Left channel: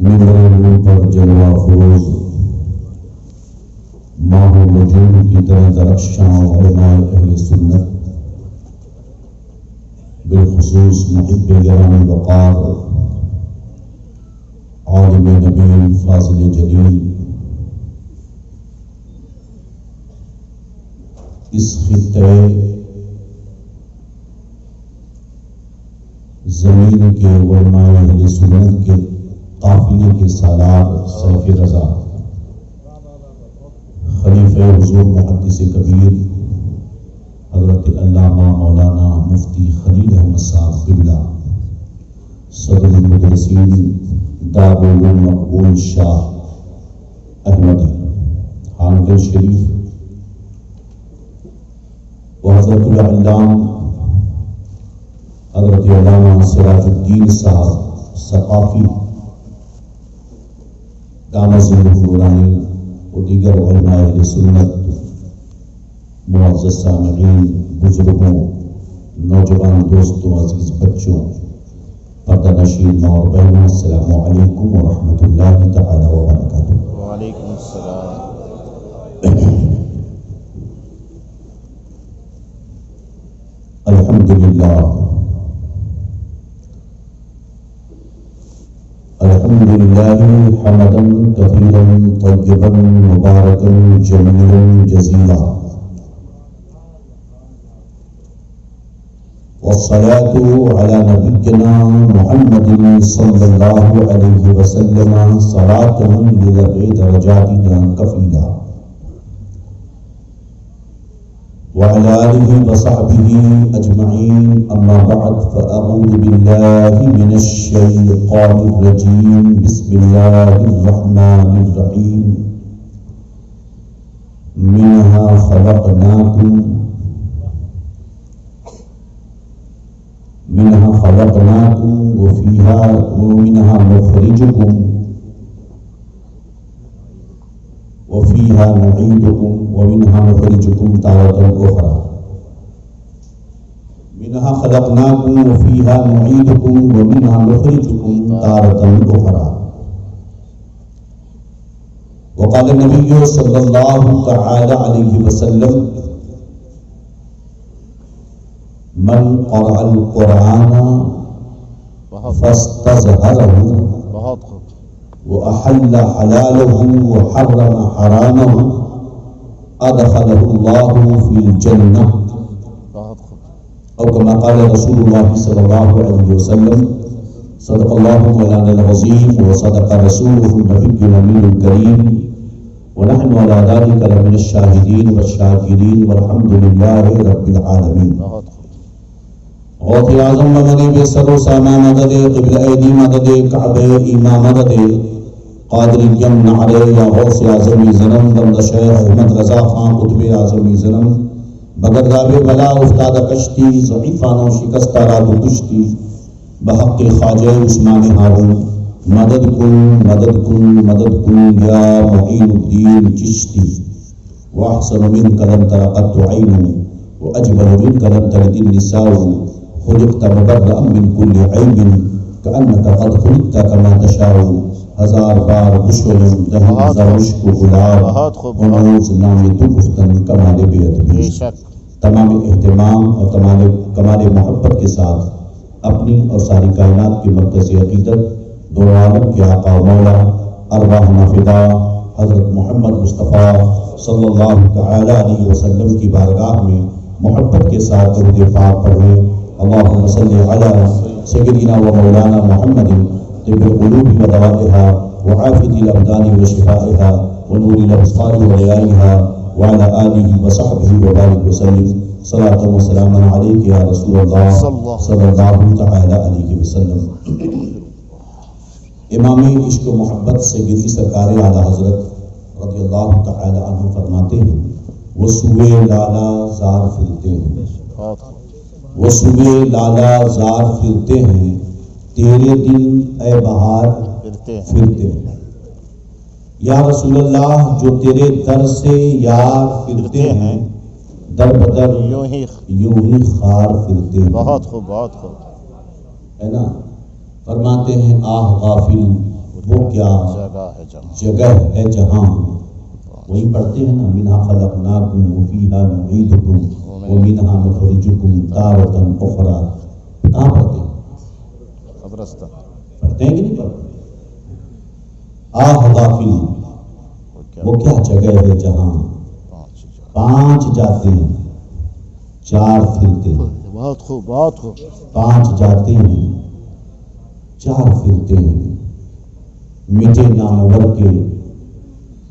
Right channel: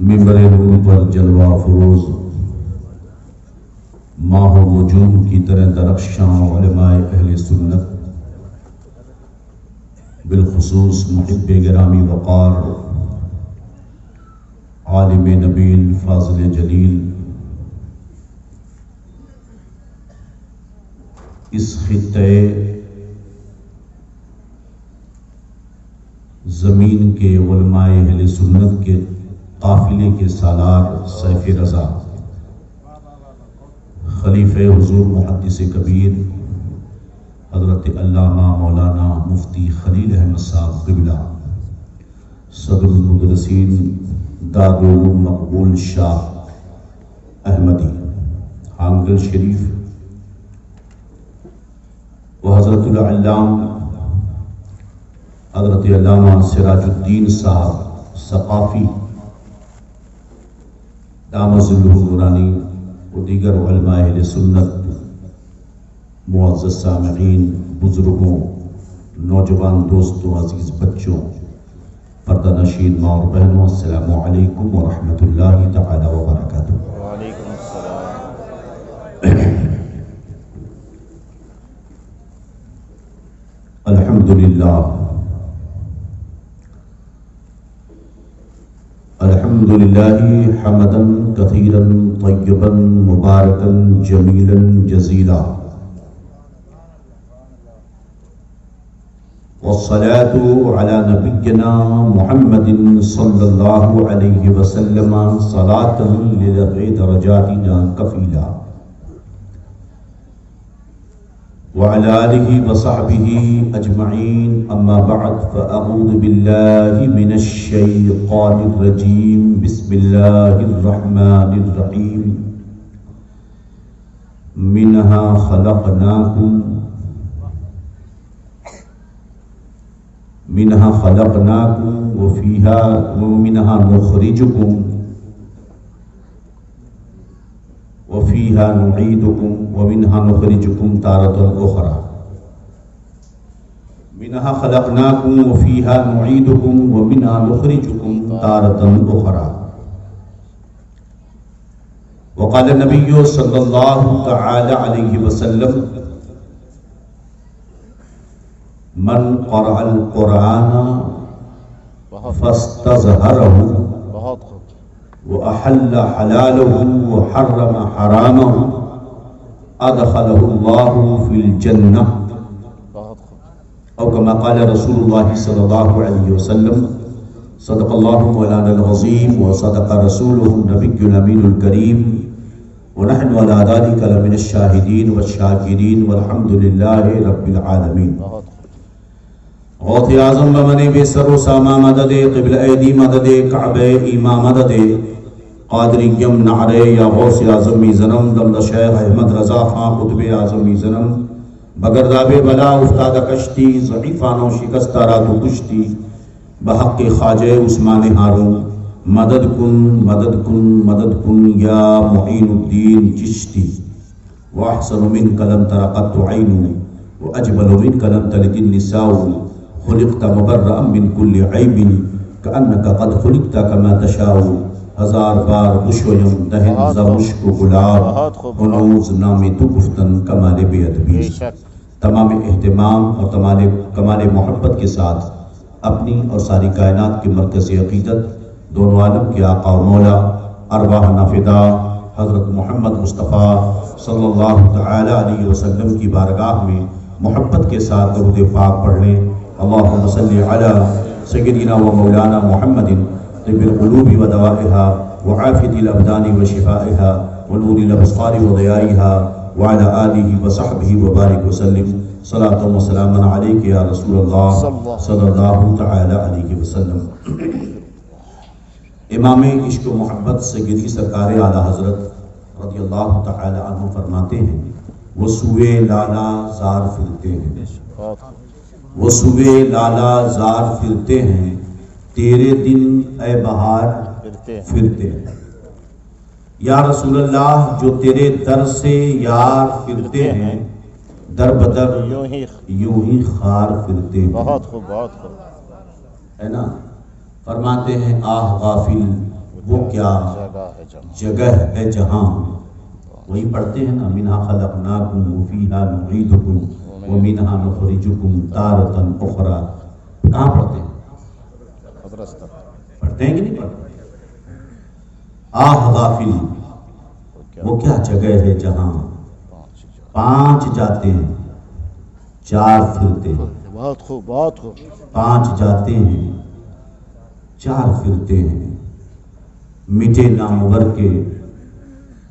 ممبر نور پر جلوہ فروز ماہ و نجوم کی طرح درخشاں علماء اہل سنت، بالخصوص محب گرامی وقار عالم نبیل فاضل جلیل، اس خطے زمین کے علماء اہل سنت کے قافلے کے سالار سیف رضا خلیفہ حضور محدث کبیر حضرت علامہ مولانا مفتی خلیل احمد صاحب قبلہ صدر المدرسین دارالعلوم مقبول شاہ احمدی حامد شریف و حضرت العلام حضرت علامہ سراج الدین صاحب ثقافی دامت ظلہ نورانی و دیگر علماء اہل سنت، معزز سامعین، بزرگوں، نوجوان دوستوں، عزیز بچوں، پردہ نشین ماں اور بہنوں، السلام علیکم ورحمۃ اللہ تعالی وبرکاتہ۔ وعلیکم السلام۔ الحمدللہ حمدا کثیرا طیبا مبارکا جمیلا جزیلا، والصلاة على نبينا محمد صلی اللہ علیہ وسلم صلاة لذوی درجاتنا کفیلا، وعلى آله وصحبه أجمعين، أما بعد، فأعوذ بالله من الشيطان الرجيم، بسم الله الرحمن الرحيم، منها خلقناكم وفيها نخرجكم وفيها نعيدكم ومنها نخرجكم تارة أخرى، منها خلقناكم وفيها نعيدكم ومنها نخرجكم تارة أخرى، وقال النبي صلى الله تعالى عليه وسلم: من قرأ القرآن فاستظهره وأحل حلاله وحرم حرامه أدخله الله في الجنة، أو كما قال رسول الله صلى الله عليه وسلم: صدق الله مولانا العظيم وصدق رسوله النبي الأمين الكريم، ونحن على ذلك لمن الشاهدين والشاكرين، والحمد لله رب العالمين۔ غوث اعظم بمن بے سر و ساما مدد، قبل ایدی مدد، کعبہ ایما مدد، قادریم نعرے یا غوث اعظمی زنم، دمد شیخ احمد رضا خان قطب اعظمی زنم، بگرداب بلا افتاد کشتی، ضعیفانو شکستہ را تو کشتی، بحق خواجہ عثمان ہارون، مدد کن مدد کن مدد کن یا معین الدین چشتی، واحسن من کلم ترقت عین واجبل من کلم ترد النساء، خلقت مبرأ من كل عیب کأنک قد خلقت کما تشاء، ہزار بار بشویم دہن زرمشک و گلاب، ہنوز نامی تو گفتن کمال بے ادبی۔ تمام اہتمام اور کمال محبت کے ساتھ اپنی اور ساری کائنات کی مرکزی عقیدت، دونوں عالم کے آقا و مولا، ارواحنا فدا حضرت محمد مصطفیٰ صلی اللہ تعالی علیہ وسلم کی بارگاہ میں محبت کے ساتھ درود پاک پڑھ لیں۔ اللہم صلی علی سیدنا و مولانا محمد طب القلوب و دوائها وعافیة الابدان و شفائها ونور الابصار و ضیائها وعلى آلہ و صحبہ وبارک وسلم، صلاة و سلام علیک یا رسول اللہ صلی اللہ تعالی علیہ وسلم۔ امام عشق و محبت سیدی سرکار اعلیٰ حضرت رضی اللہ تعالی عنہ فرماتے ہیں: وہ سوئے لالا زار پھرتے ہیں، وہ صبح لالا زار پھرتے ہیں، تیرے دن اے بہار پھرتے ہیں۔ یا رسول اللہ، جو تیرے در سے یار پھرتے ہیں، در بدر یوں ہی خار پھرتے ہیں۔ بہت خوب، بہت خوب، ہے نا؟ فرماتے ہیں: آہ غافل وہ کیا جگہ ہے جہاں، وہی پڑھتے ہیں نا، منہا خلقناکم وفیہا نعیدکم ومنہا نخرجکم تارۃ اخری. کہاں پڑھتے ہیں؟ پڑھتے ہیں کہ نہیں پڑھتے؟ آہ غافل، وہ کیا جگہ ہے جہاں 5 جاتے ہیں 4 پھرتے ہیں. بہت خوب بہت خوب. 5 جاتے ہیں 4 پھرتے ہیں. مٹے نامور کے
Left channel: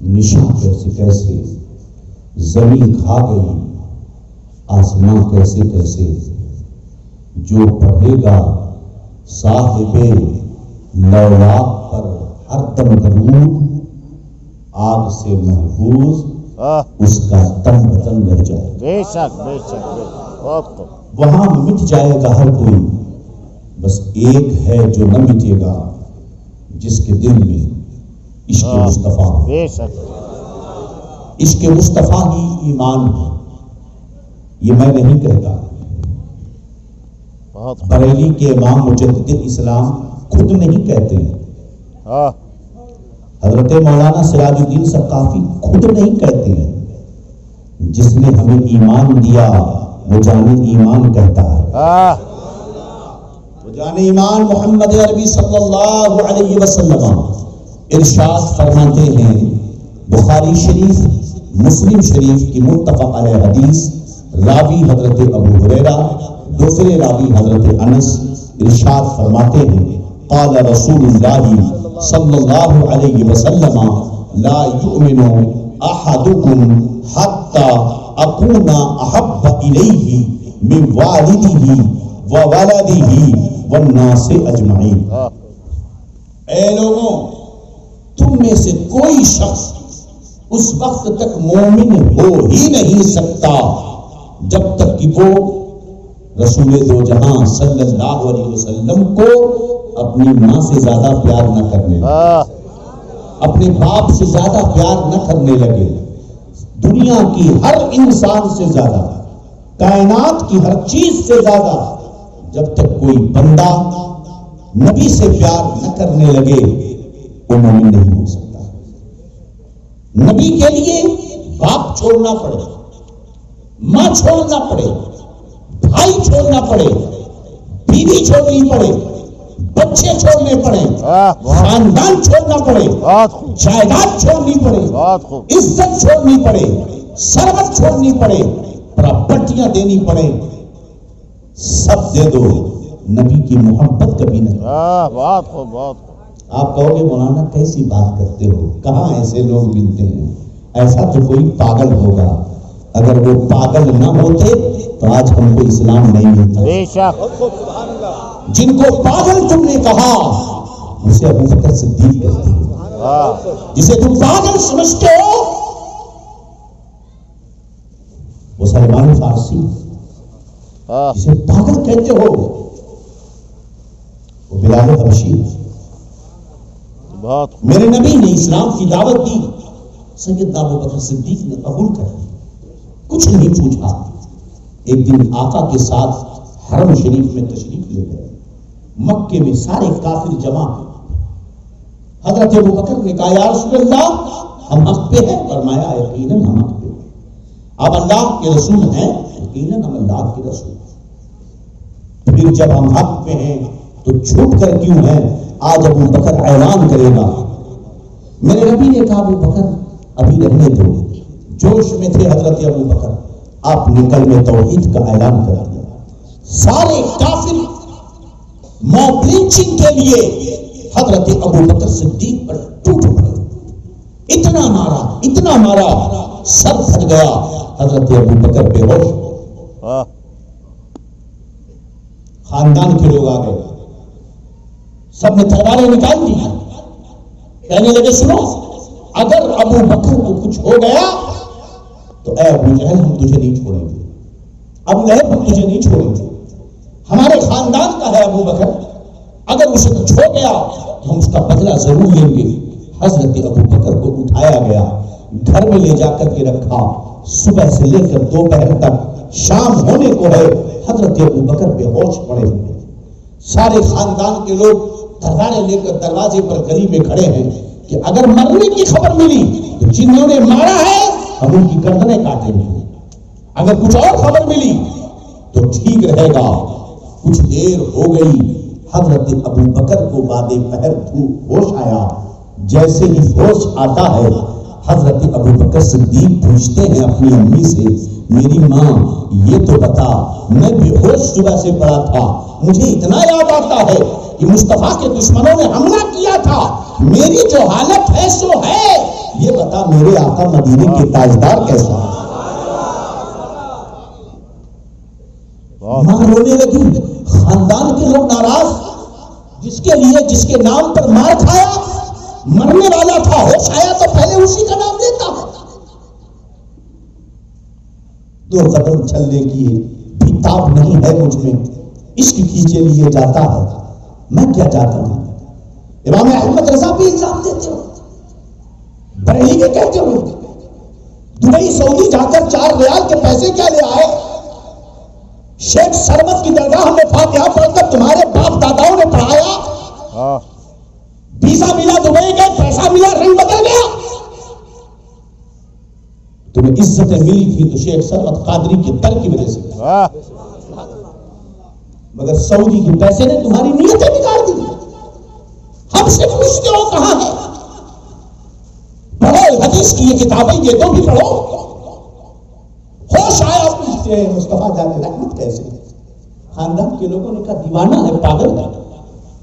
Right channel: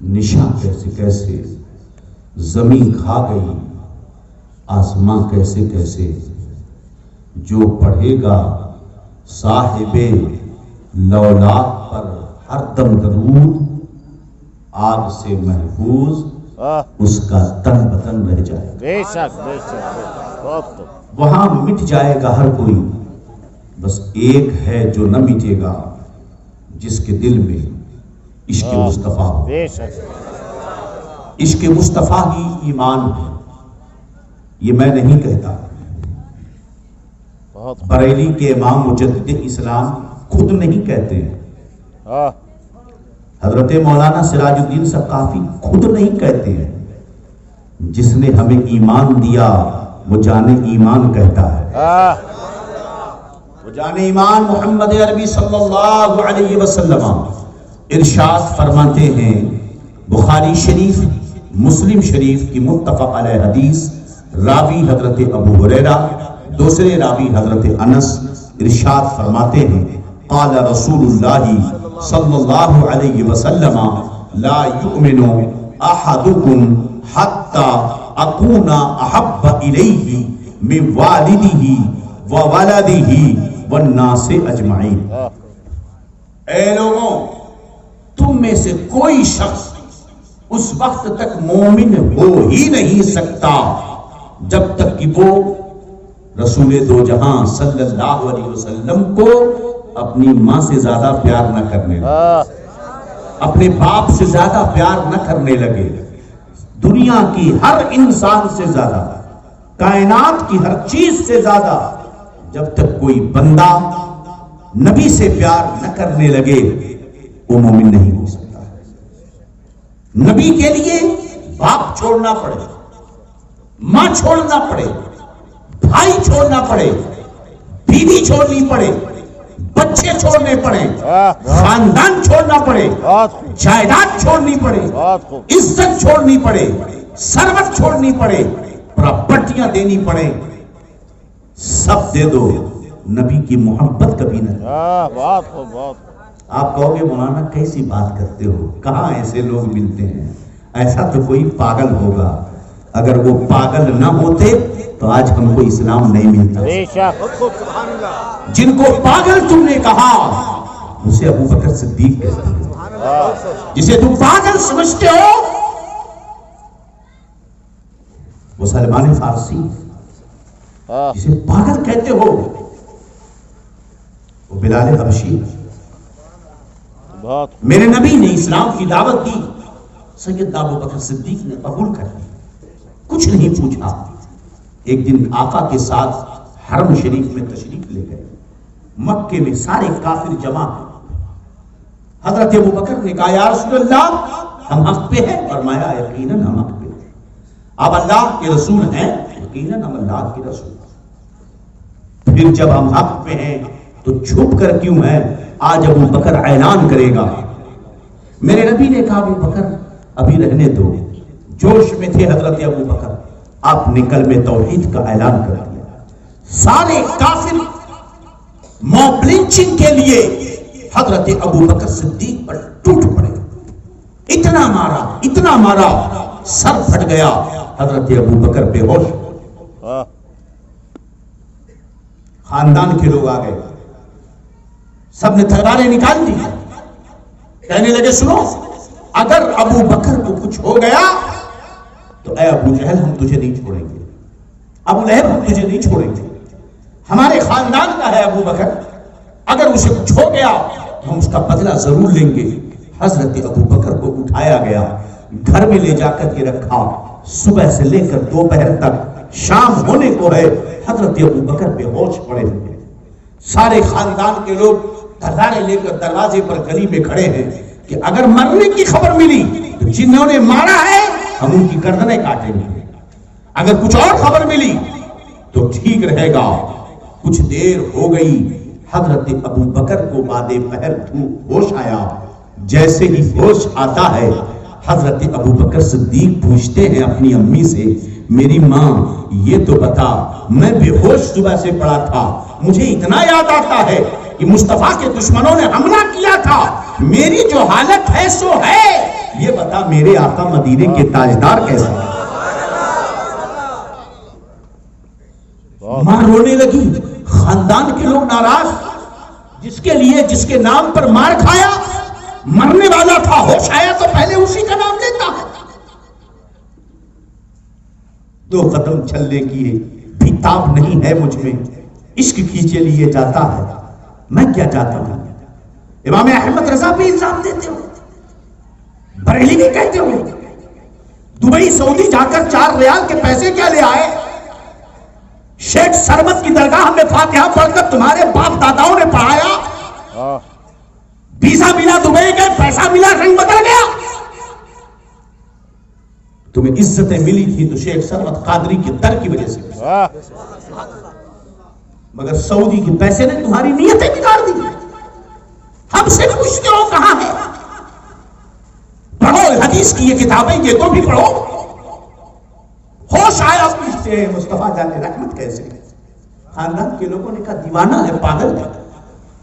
نشاں کیسے کیسے، زمین کھا گئی آسمان کیسے کیسے. جو پڑھے گا صاحب لولاک پر ہر دم درود، آگ سے محفوظ اس کا تن بدن رہ جائے. بے شک بے شک بے شک. بہت خوب. وہاں مٹ جائے گا ہر کوئی، بس ایک ہے جو نہ مٹے گا، جس کے دل میں عشق مصطفیٰ ہو. بے شک. عشق مصطفیٰ ہی ایمان ہے. یہ میں نہیں کہتا، بریلی کے امام مجدد اسلام خود نہیں کہتے ہیں. حضرت مولانا سراج الدین ثقافی خود نہیں کہتے ہیں. جس نے ہمیں ایمان دیا وہ جان ایمان کہتا ہے. وہ جان ایمان محمد عربی صلی اللہ علیہ وسلم ارشاد فرماتے ہیں. بخاری شریف مسلم شریف کی متفق علیہ حدیث، راوی حضرت ابو ہریرہ، دوسرے راوی حضرت انس. ارشاد فرماتے ہیں قال رسول اللہ صلی اللہ علیہ وسلم لا یؤمن احدکم حتی اکون احب الیہ من والدہ وولدہ والناس اجمعین. اے لوگوں، تم میں سے کوئی شخص اس وقت تک مومن ہو ہی نہیں سکتا جب تک کہ وہ رسول دو جہاں صلی اللہ علیہ وسلم کو اپنی ماں سے زیادہ پیار نہ کرنے لگے، اپنے باپ سے زیادہ پیار نہ کرنے لگے، دنیا کی ہر انسان سے زیادہ، کائنات کی ہر چیز سے زیادہ. جب تک کوئی بندہ نبی سے پیار نہ کرنے لگے وہ مومن نہیں ہو سکتا. نبی کے لیے باپ چھوڑنا پڑے، ماں چھوڑنا پڑے، بھائی چھوڑنا پڑے، بیوی چھوڑنی پڑے، بچے چھوڑنے پڑے، خاندان چھوڑنا پڑے، جائیداد چھوڑنی پڑے، عزت چھوڑنی پڑے، ثروت چھوڑنی پڑے، پراپرٹیاں دینی پڑے، سب دے دو، نبی کی محبت کبھی نہ. آپ کہو گے مولانا کیسی بات کرتے ہو، کہاں ایسے لوگ ملتے ہیں؟ ایسا تو کوئی پاگل ہوگا. اگر وہ پاگل نہ ہوتے تو آج ہم کو اسلام نہیں ملتا. جن کو پاگل تم نے کہا اسے ابو بکر صدیق کہتے ہیں. جسے تم پاگل سمجھتے ہو وہ سلمان فارسی. جسے پاگل کہتے ہو وہ بلال حبشی. میرے نبی نے اسلام کی دعوت دی، سیدنا ابو بکر صدیق نے قبول کر لی، کچھ نہیں پوچھا. ایک دن آقا کے ساتھ حرم شریف میں تشریف لے گئے. مکے میں سارے کافر جمع ہیں. حضرت ابو بکر نے کہا یا رسول اللہ ہم حق پہ ہیں؟ فرمایا یقیناً ہم حق پہ ہیں. آپ اللہ کے رسول ہیں؟ یقیناً ہم اللہ کے رسول ہیں. پھر جب ہم حق پہ ہیں تو چھپ کر کیوں ہیں؟ آج ابو بکر اعلان کرے گا. میرے نبی نے کہا ابو بکر ابھی رہنے دو. جوش میں تھے حضرت ابو بکر، آپ نے کلمہ توحید کا اعلان کر دیا. سارے کافر موب لنچنگ کے لیے حضرت ابو بکر صدیق پر ٹوٹ پڑے. اتنا مارا سر پھٹ گیا. حضرت ابو بکر بے ہوش. خاندان کے لوگ آ گئے، سب نے تلواریں نکال دی. کہنے لگے سنو، اگر ابو بکر کو کچھ ہو گیا تو اے ابو جہل ہم تجھے نہیں چھوڑیں گے، ابو لہب ہم تجھے نہیں چھوڑیں گے. ہمارے خاندان کا ہے ابو بکر، اگر اسے کچھ ہو گیا تو ہم اس کا بدلہ ضرور لیں گے. حضرت ابو بکر کو اٹھایا گیا، گھر میں لے جا کر کے رکھا. صبح سے لے کر دوپہر تک، شام ہونے کو ہے، حضرت ابو بکر بے ہوش پڑے ہوئے. سارے خاندان کے لوگ دھڑاڑے لے کر دروازے پر گلی میں کھڑے ہیں کہ اگر مرنے کی خبر ملی تو جنہوں نے مارا ہے ہم ان کی گردنیں کاٹیں گے، اگر کچھ اور خبر ملی تو ٹھیک رہے گا۔ کچھ دیر ہو گئی، حضرت ابو بکر کو بعد پہر ہوش آیا۔ جیسے ہی ہوش آتا ہے حضرت ابو بکر صدیق پوچھتے ہیں اپنی امی سے، میری ماں یہ تو بتا، میں بے ہوش صبح سے پڑا تھا، مجھے اتنا یاد آتا ہے کہ مصطفیٰ کے دشمنوں نے حملہ کیا تھا، میری جو حالت ہے سو ہے، یہ بتا میرے آقا مدینے کے تاجدار کیسا ہے؟ ماں رونے لگی۔ خاندان کے لوگ ناراض، جس کے لیے جس کے نام پر مار کھایا مرنے والا تھا، ہوش آیا تو پہلے اسی کا نام لیتا ہے۔ 2 قدم چلنے کی بھی تاب نہیں ہے مجھ میں، عشق کھینچے لیے جاتا ہے، میں کیا جاتا ہوں؟ امام احمد رضا بھی الزام دیتے ہو، بریلی کے کہتے ہوئے دبئی سعودی جا کر 4 ریال کے پیسے کیا لے آئے؟ شیخ سرمت کی درگاہ میں فاتحہ پڑھ کر تمہارے باپ داداؤں نے پڑھایا، ویزا ملا، دبئی گئے، پیسہ ملا، رنگ بدل گیا۔ تمہیں عزتیں ملی تھی تو شیخ سرمت قادری کے در کی وجہ سے، مگر سعودی کے پیسے نے تمہاری نیتیں بگاڑ دی۔ ہم سے پوچھتے ہو کہاں ہے؟ پڑھو حدیث کی یہ کتابیں، یہ تو بھی پڑھو۔ ہوش آیا پوچھتے ہیں مصطفیٰ جان رحمت کیسے؟ خاندان کے لوگوں نے کہا دیوانہ ہے، پاگل ہے،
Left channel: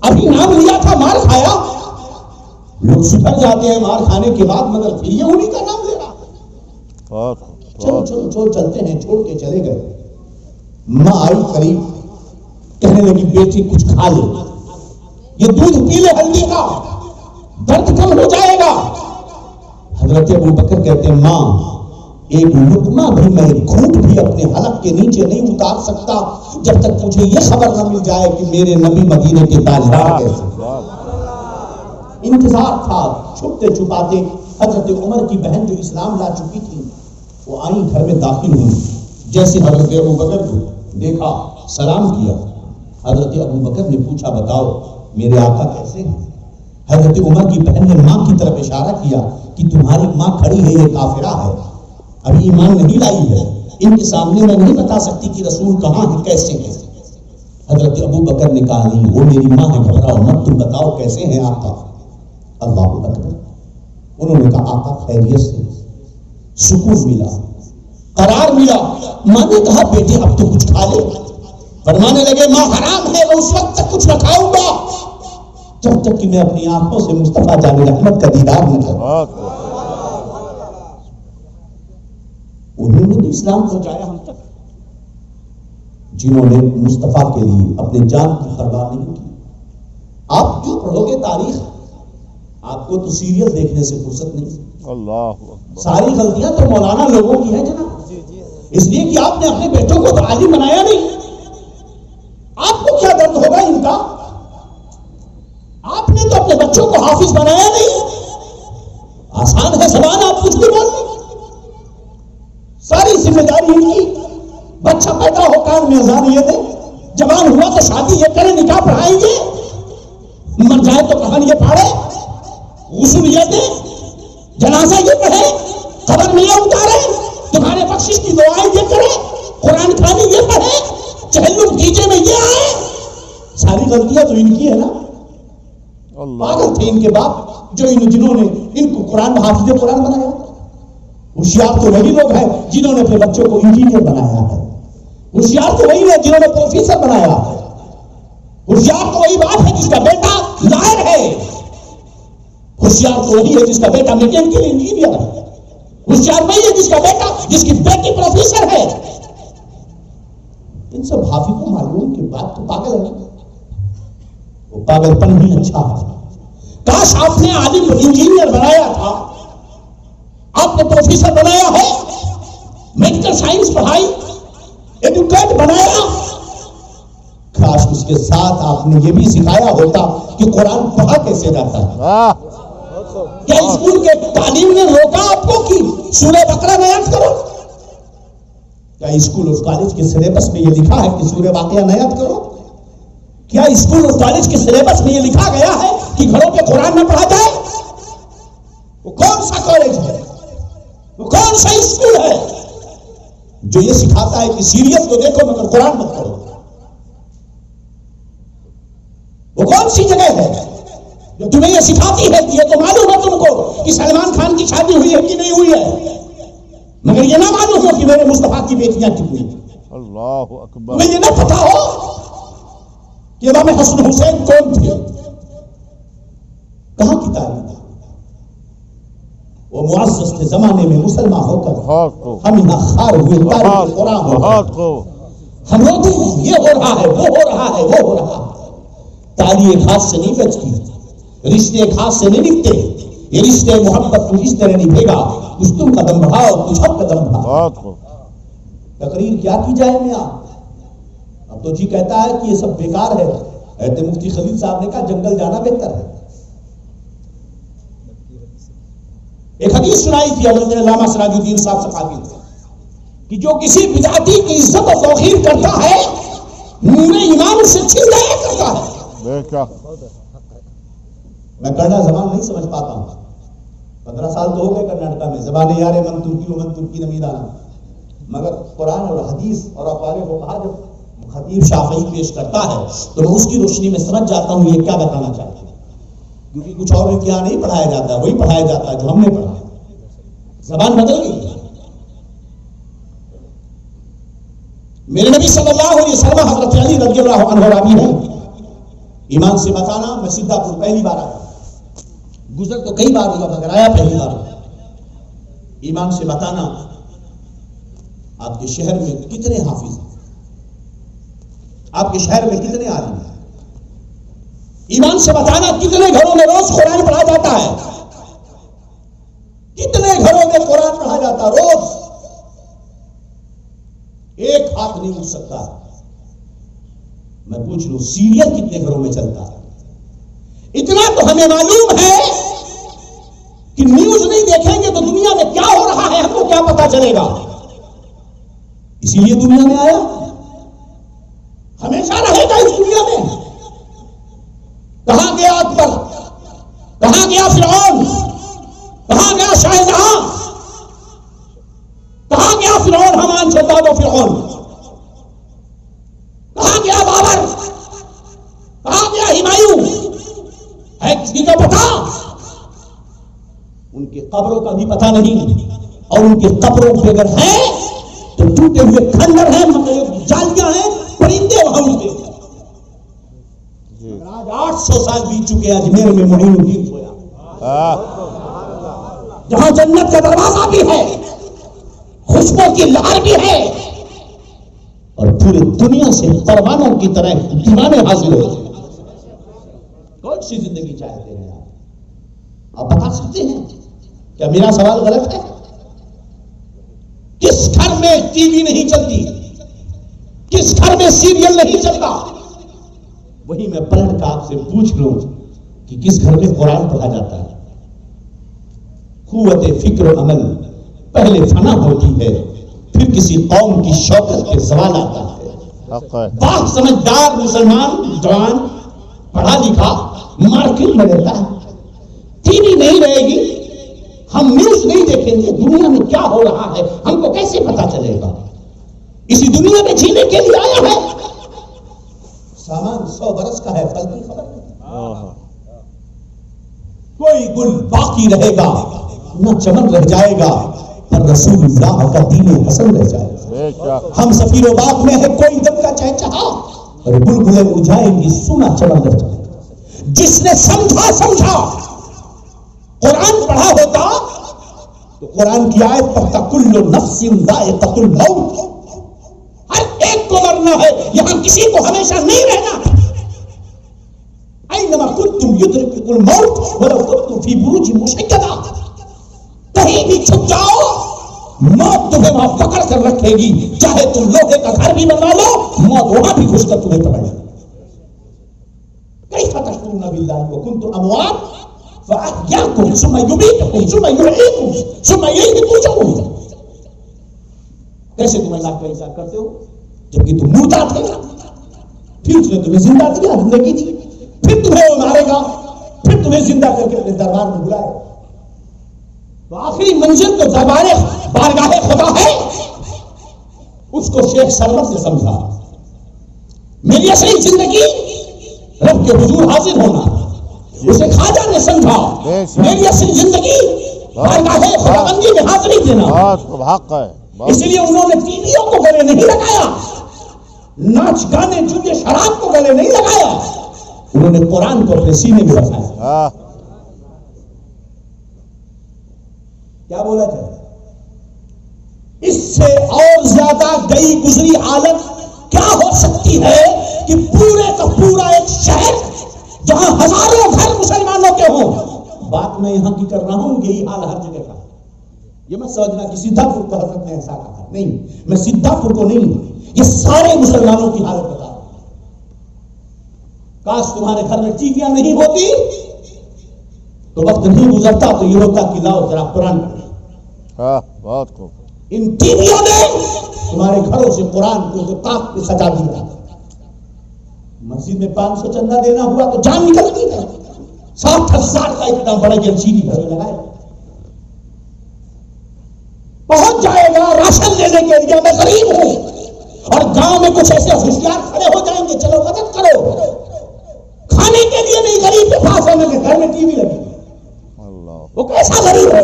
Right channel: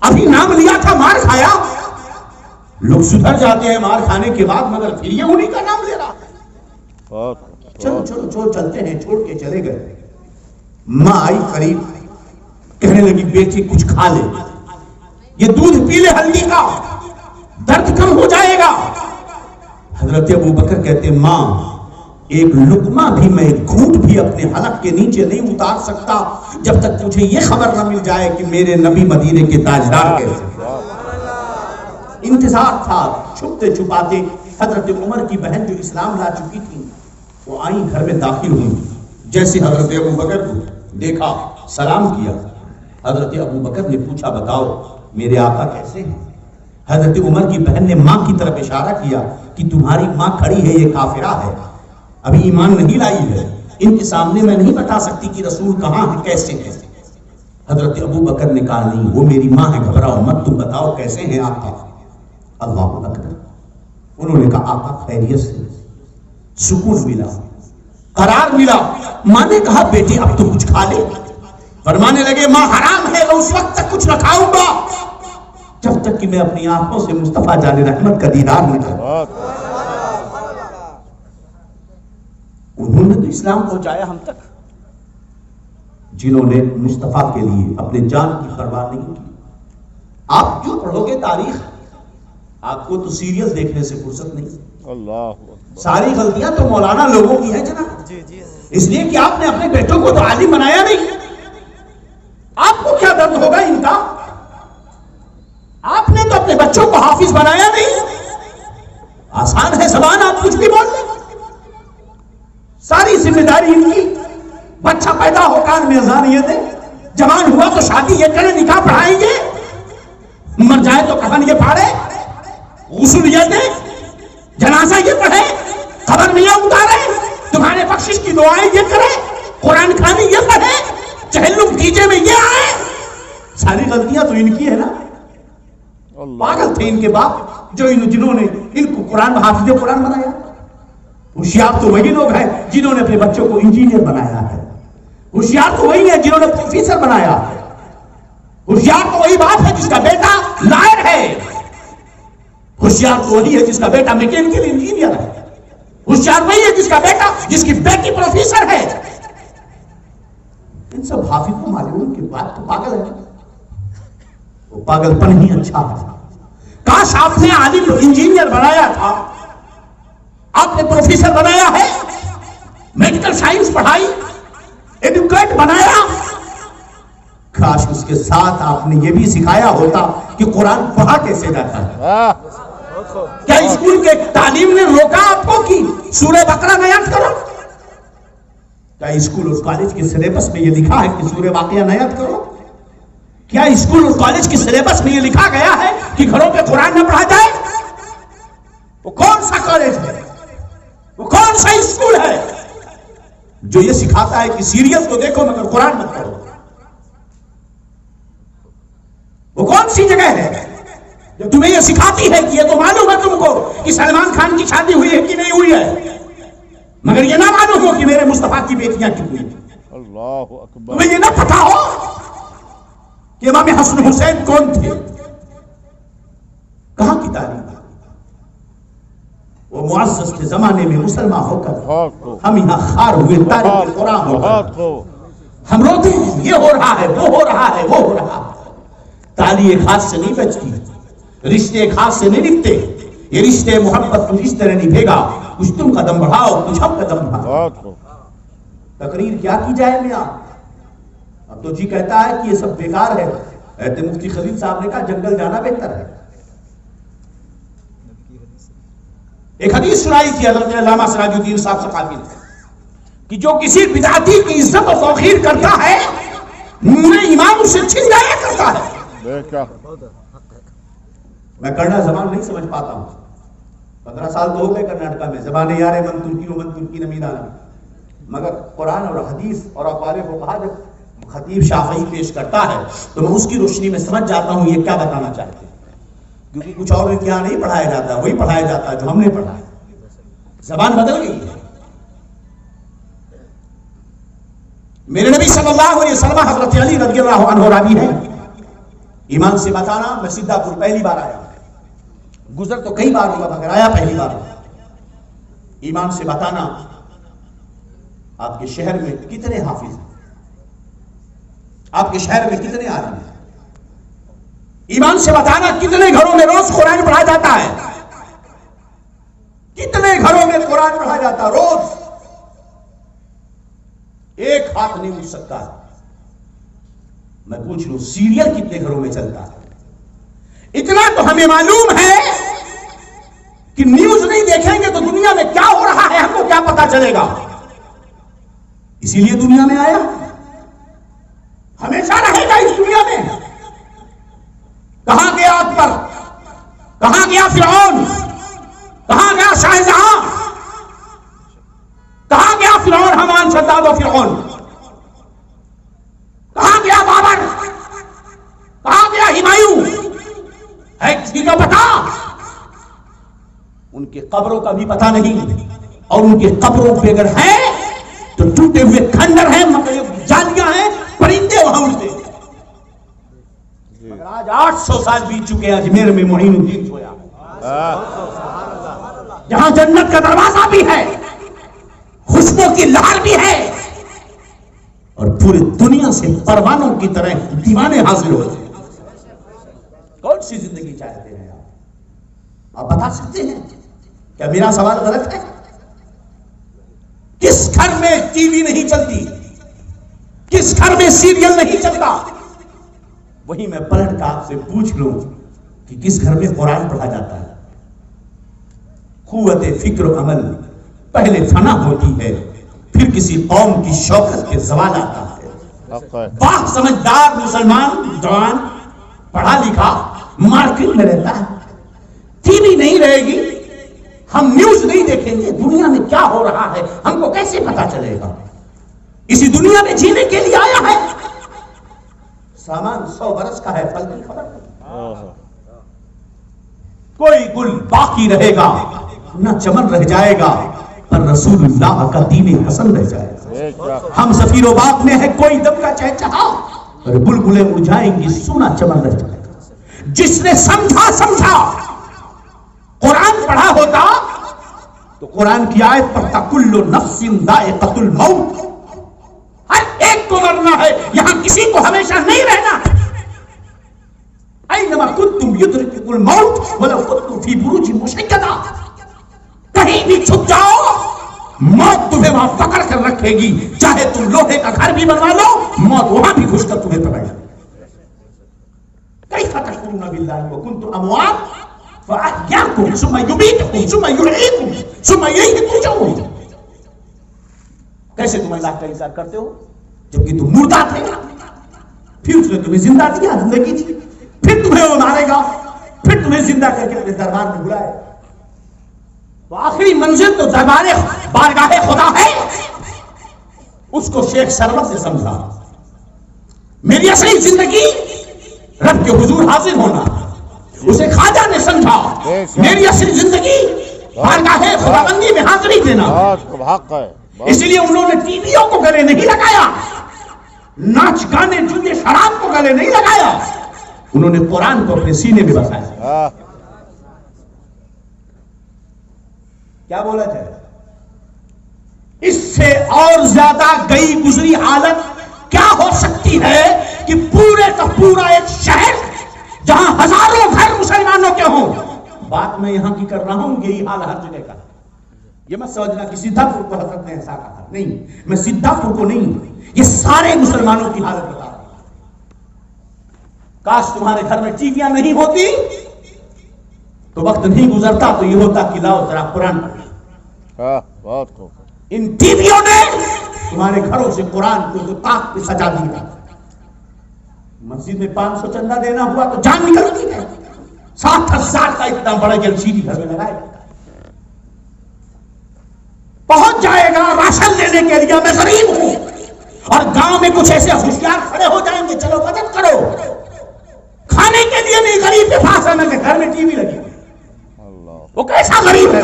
ابھی نام لیا تھا مار کھایا۔ لوگ سدھر جاتے ہیں مار کھانے کے بعد، مگر پھر یہ انہی کا نام لے رہا۔ چلو چلو چلو چلتے ہیں، چھوڑ کے چلے گئے۔ ماں آئی قریب، کہنے لگی بیٹی کچھ کھا لے، یہ دودھ پی لے ہلدی کا، درد کم ہو جائے گا۔ حضرت ابو بکر کہتے ہیں ماں ایک لقمہ بھی، میں ایک گھونٹ بھی اپنے حلق کے نیچے نہیں اتار سکتا جب تک مجھے یہ خبر نہ مل جائے کہ میرے نبی مدینے کے تاجدار کیسے۔ انتظار تھا، چھپتے چھپاتے حضرت عمر کی بہن جو اسلام لا چکی تھی وہ آئیں، گھر میں داخل ہوئی، جیسے حضرت ابو بکر کو دیکھا سلام کیا۔ حضرت ابو بکر نے پوچھا بتاؤ میرے آقا کیسے ہیں؟ حضرت عمر کی بہن نے ماں کی طرف اشارہ کیا کہ تمہاری ماں کھڑی ہے، یہ کافرہ ہے، ابھی ایمان نہیں لائی ہے، ان کے سامنے میں نہیں بتا سکتی کہ رسول کہاں ہے، کیسے ہے۔ حضرت ابو بکر نے کہا نہیں، وہ میری ماں ہے، گھبراؤ مت، تم بتاؤ کیسے ہیں آقا؟ اللہ اکبر۔ انہوں نے کہا آقا خیریت سے، سکون ملا، قرار ملا۔ ماں نے کہا بیٹے اب تو کچھ کھا لے۔ فرمانے لگے ماں حرام ہے، میں اس وقت تک کچھ نہ کھاؤں گا جب تک کہ میں اپنی آنکھوں سے مصطفیٰ جان رحمت کا دیدار نہ کروں۔ انہوں نے تو اسلام پہنچایا ہم تک، جنہوں نے مصطفیٰ کے لیے اپنے جان کی پرواہ نہیں کی۔ آپ جو پڑھو گے تاریخ، آپ کو تو سیریل دیکھنے سے فرصت نہیں۔ اللہ ساری غلطیاں تو مولانا لوگوں کی ہیں جناب، اس لیے کہ آپ نے اپنے بیٹوں کو تو عالم بنایا نہیں۔ آپ کو کیا درد ہوگا ان کا؟ آپ نے تو اپنے بچوں کو حافظ بنایا نہیں۔ آسان ہے زبان، آپ کچھ بھی بول لیں، ساری ذمہ داری ان کی۔ بچہ پیدا ہو کان میں اذان یہ دے، جوان ہوا تو شادی یہ کرے، نکاح پڑھائیں گے، مر جائے تو کفن یہ پھاڑے، غسل یہ دے، جنازہ یہ پڑھے، قبر میں یہ اتارے، تمہارے بخشش کی دعائیں یہ کرے، قرآن خوانی یہ پڑھے، چہلم کیجے میں یہ آئے۔ ساری غلطیاں تو ان کی ہے نا۔ پاگل تھے ان کے باپ جو جنہوں نے ان کو قرآن حافظ قرآن بنایا۔ ہوشیار تو وہی لوگ ہیں جنہوں نے اپنے بچوں کو انجینئر بنایا ہے، ہوشیار تو وہی ہے جنہوں نے پروفیسر بنایا ہے، ہوشیار تو وہی باپ ہے جس کا بیٹا لائر ہے، ہوشیار تو وہی ہے جس کا بیٹا میکینیکل انجینئر ہے، ہوشیار وہی ہے جس کا بیٹا، جس کی بیٹی پروفیسر ہے۔ ان سب حافظ کو معلوم کہ بات تو پاگل ہے، وہ پاگل پن ہی اچھا ہے۔ کاش آپ نے عالم انجینئر بنایا تھا، آپ نے پروفیسر بنایا ہے، میڈیکل سائنس پڑھائی، ایڈوکیٹ بنایا، کاش اس کے ساتھ آپ نے یہ بھی سکھایا ہوتا کہ قرآن پڑھا کیسے جاتا ہے۔ کیا اسکول کے تعلیم نے روکا آپ کو کہ سورہ بقرہ نیت کرو؟ کیا اسکول اور کالج کے سلیبس میں یہ لکھا ہے کہ سورہ واقعہ نیت کرو؟ کیا اسکول اور کالج کے سلیبس میں یہ لکھا گیا ہے کہ گھروں پہ قرآن نہ پڑھا جائے؟ وہ کون سا کالج ہے، وہ کون سا اسکول ہے جو یہ سکھاتا ہے کہ سیریل تو دیکھو مگر قرآن مت پڑھو؟ وہ کون سی جگہ ہے جو تمہیں یہ سکھاتی ہے کہ یہ تو معلوم ہے تم کو کہ سلمان خان کی شادی ہوئی ہے کہ نہیں ہوئی ہے، مگر یہ نہ معلوم ہو کہ میرے مصطفیٰ کی بیٹیاں کتنی ہیں؟ اللہ اکبر. تمہیں یہ نہ پتا ہو کہ امام حسن حسین کون تھے؟ کہاں کی تاریخ؟ وہ معزز کے زمانے میں مسلمان ہو کر ہم یہاں خار ہوئے تاریخ قرآن ہو، ہم روتے ہیں یہ ہو رہا ہے وہ ہو رہا ہے وہ ہو رہا ہے. تالی ایک ہاتھ سے نہیں بچتی، رشتے ایک ہاتھ سے نہیں نکتے. یہ رشتے محبت کچھ اس طرح نہیں بھیگا، کچھ تم قدم بڑھاؤ کچھ ہم قدم بڑھاؤ. تقریر کیا کی جائے میاں؟ اب تو جی کہتا ہے کہ یہ سب بیکار ہے. ایسے مفتی خلیل صاحب نے کہا جنگل جانا بہتر ہے. ایک حدیث سنائی تھی علامہ سراج الدین صاحب ثقافی نے کہ جو کسی بدعتی کی عزت و توقیر کرتا ہے نور ایمان اسے چھین جایا کرتا ہے. میں کرنا زبان نہیں سمجھ پاتا ہوں، 15 سال تو ہو گئے کرناٹکا میں، زبان یار من ترکی و من ترکی نمیدان، مگر قرآن اور حدیث اور اقوال فقہا جب خطیب شافعی پیش کرتا ہے تو میں اس کی روشنی میں سمجھ جاتا ہوں یہ کیا بتانا چاہتے ہیں، کیونکہ کچھ اور یہاں نہیں پڑھایا جاتا، وہی پڑھایا جاتا ہے جو ہم نے پڑھا. زبان بدل گئی ہے. میرے نبی صلی اللہ علیہ وسلم حضرت علی رضی اللہ عنہ راوی ہے. ایمان سے بتانا میں سیدھا پور پہلی بار آیا، گزر تو کئی بار ہوا مگر آیا پہلی بار. ایمان سے بتانا آپ کے شہر میں کتنے حافظ ہیں، آپ کے شہر میں کتنے عالم ہیں؟ ایمان سے بتانا کتنے گھروں میں روز قرآن پڑھا جاتا ہے؟ کتنے گھروں میں قرآن پڑھا جاتا ہے روز؟ ایک ہاتھ نہیں اٹھ سکتا. میں پوچھ لوں سیریل کتنے گھروں میں چلتا ہے؟ اتنا تو ہمیں معلوم ہے کہ نیوز نہیں دیکھیں گے تو دنیا میں کیا ہو رہا ہے ہم کو کیا پتا چلے گا. اسی لیے دنیا میں آیا، ہمیشہ رہے گا اس دنیا میں. کہاں گیا اکبر، کہاں گیا فرعون، کہاں گیا شاہجہاں، کہاں گیا فرعون حمان شداد و فرعون، کہاں گیا بابر، کہاں گیا ہمایوں؟ ہے کسی کو پتا؟ ان کے قبروں کا بھی پتا نہیں، اور ان کے قبروں پہ اگر ہے تو ٹوٹے ہوئے کھنڈر ہیں، جالیاں ہیں، پرندے وہاں اڑتے ہیں. آج 800 سال بیت چکے ہیں اجمیر میں معین الدین سویا، جہاں جنت کا دروازہ بھی ہے، خوشبو کی لہر بھی ہے، اور پورے دنیا سے پروانوں کی طرح دیوانے حاصل ہوتے ہیں. کون سی زندگی چاہتے ہیں آپ بتا سکتے ہیں؟ کیا میرا سوال غلط ہے؟ کس گھر میں ٹی وی نہیں چلتی، کس گھر میں سیریل نہیں چلتا؟ وہی میں پلٹ کا آپ سے پوچھ لوں کہ کس گھر میں قرآن پڑھا جاتا ہے؟ قوت فکر و عمل پہلے فنا ہوتی ہے، پھر کسی قوم کی شوکت کے زوال آتا ہے. پاک سمجھدار مسلمان جوان پڑھا لکھا مارکیٹ میں رہتا ہے، ٹی وی نہیں رہے گی، ہم نیوز نہیں دیکھیں گے، دنیا میں کیا ہو رہا ہے ہم کو کیسے پتا چلے گا؟ اسی دنیا میں جینے کے لیے آیا ہے. سامان 100 برس کا ہے، پل کی خبر نہیں. کوئی گل باقی رہے گا نہ چمن رہ جائے گا، پر رسول اللہ کا دین حسن رہ جائے گا. ہم سفیر و باغ میں ہے کوئی دم کا چہچہا، اور بلبلیں اڑائیں گی سونا چمن رہ جائے گا. جس نے سمجھا قرآن پڑھا ہوتا تو قرآن کی آیت پڑھتا کل نفس ذائقۃ الموت، ہر ایک کو مرنا ہے، یہاں کسی کو ہمیشہ نہیں رہنا. اینما کنتم یدرککم الموت ولو کنتم فی بروج مشیدہ، کہیں بھی چھپ جاؤ موت تمہیں وہاں پکڑ کر رکھے گی، چاہے تم لوہے کا گھر بھی بنوا لو موت وہاں بھی گھس کر تمہیں پکڑے گی. کیف تکفرون باللہ وکنتم اموات فاحیاکم ثم یمیتکم ثم یحییکم ثم الیہ ترجعون. کیسے تم اللہ کا انکار کرتے ہو جبکہ تم مردہ تھے؟ پھر اس نے تمہیں زندہ دیا، زندگی دی، پھر تمہیں وہ مارے گا، پھر تمہیں زندہ کر کے اپنے دربار میں بلائے. تو آخری منزل تو دربار بارگاہ خدا ہے. اس کو شیخ سرور سے سمجھا. میری اصلی زندگی رب کے حضور حاضر ہونا. اسے خواجہ نے سمجھا میری اصلی زندگی بارگاہ خداوندی میں حاضری دینا. حق ہے. اس لیے انہوں نے ٹی ویوں کو گلے نہیں لگایا، ناچ گانے جوئے شراب کو گلے نہیں لگایا، انہوں نے قرآن کو اپنے سینے میں بسایا. کیا بولا تھا؟ اس سے اور زیادہ گئی گزری حالت کیا ہو سکتی ہے کہ پورے کا پورا ایک شہر جہاں ہزاروں گھر مسلمانوں کے ہوں. بات میں یہاں کی کر رہا ہوں، یہی حال ہر جگہ کا. یہ مت سمجھنا کہ سیدھا پور کو حضرت نے ایسا کہا، نہیں، میں سیدھا پور کو نہیں، یہ سارے مسلمانوں کی حالت بتا رہا ہوں. کاش تمہارے گھر میں ٹی ویاں نہیں ہوتی تو وقت نہیں گزرتا تو یہ ہوتا کہ لاؤ ذرا قرآن پڑھیں. بہت خوب. ان ٹی ویوں نے تمہارے گھروں سے قرآن کو تو طاق پہ سجا دیا. مسجد میں 500 چندہ دینا ہوا تو جان نکلتی ہے. 60,000 کا اتنا بڑا جلسیدی گھر میں لگائے پہنچ جائے گا راشن لینے کے لیے. میں غریب ہوں اور گاؤں میں کچھ ایسے ہوشیار کھڑے ہو جائیں گے، چلو مدد کرو. کھانے کے لیے نہیں، غریب کے پاس ہے نا کہ گھر میں ٹی وی لگی. وہ کیسا غریب ہے؟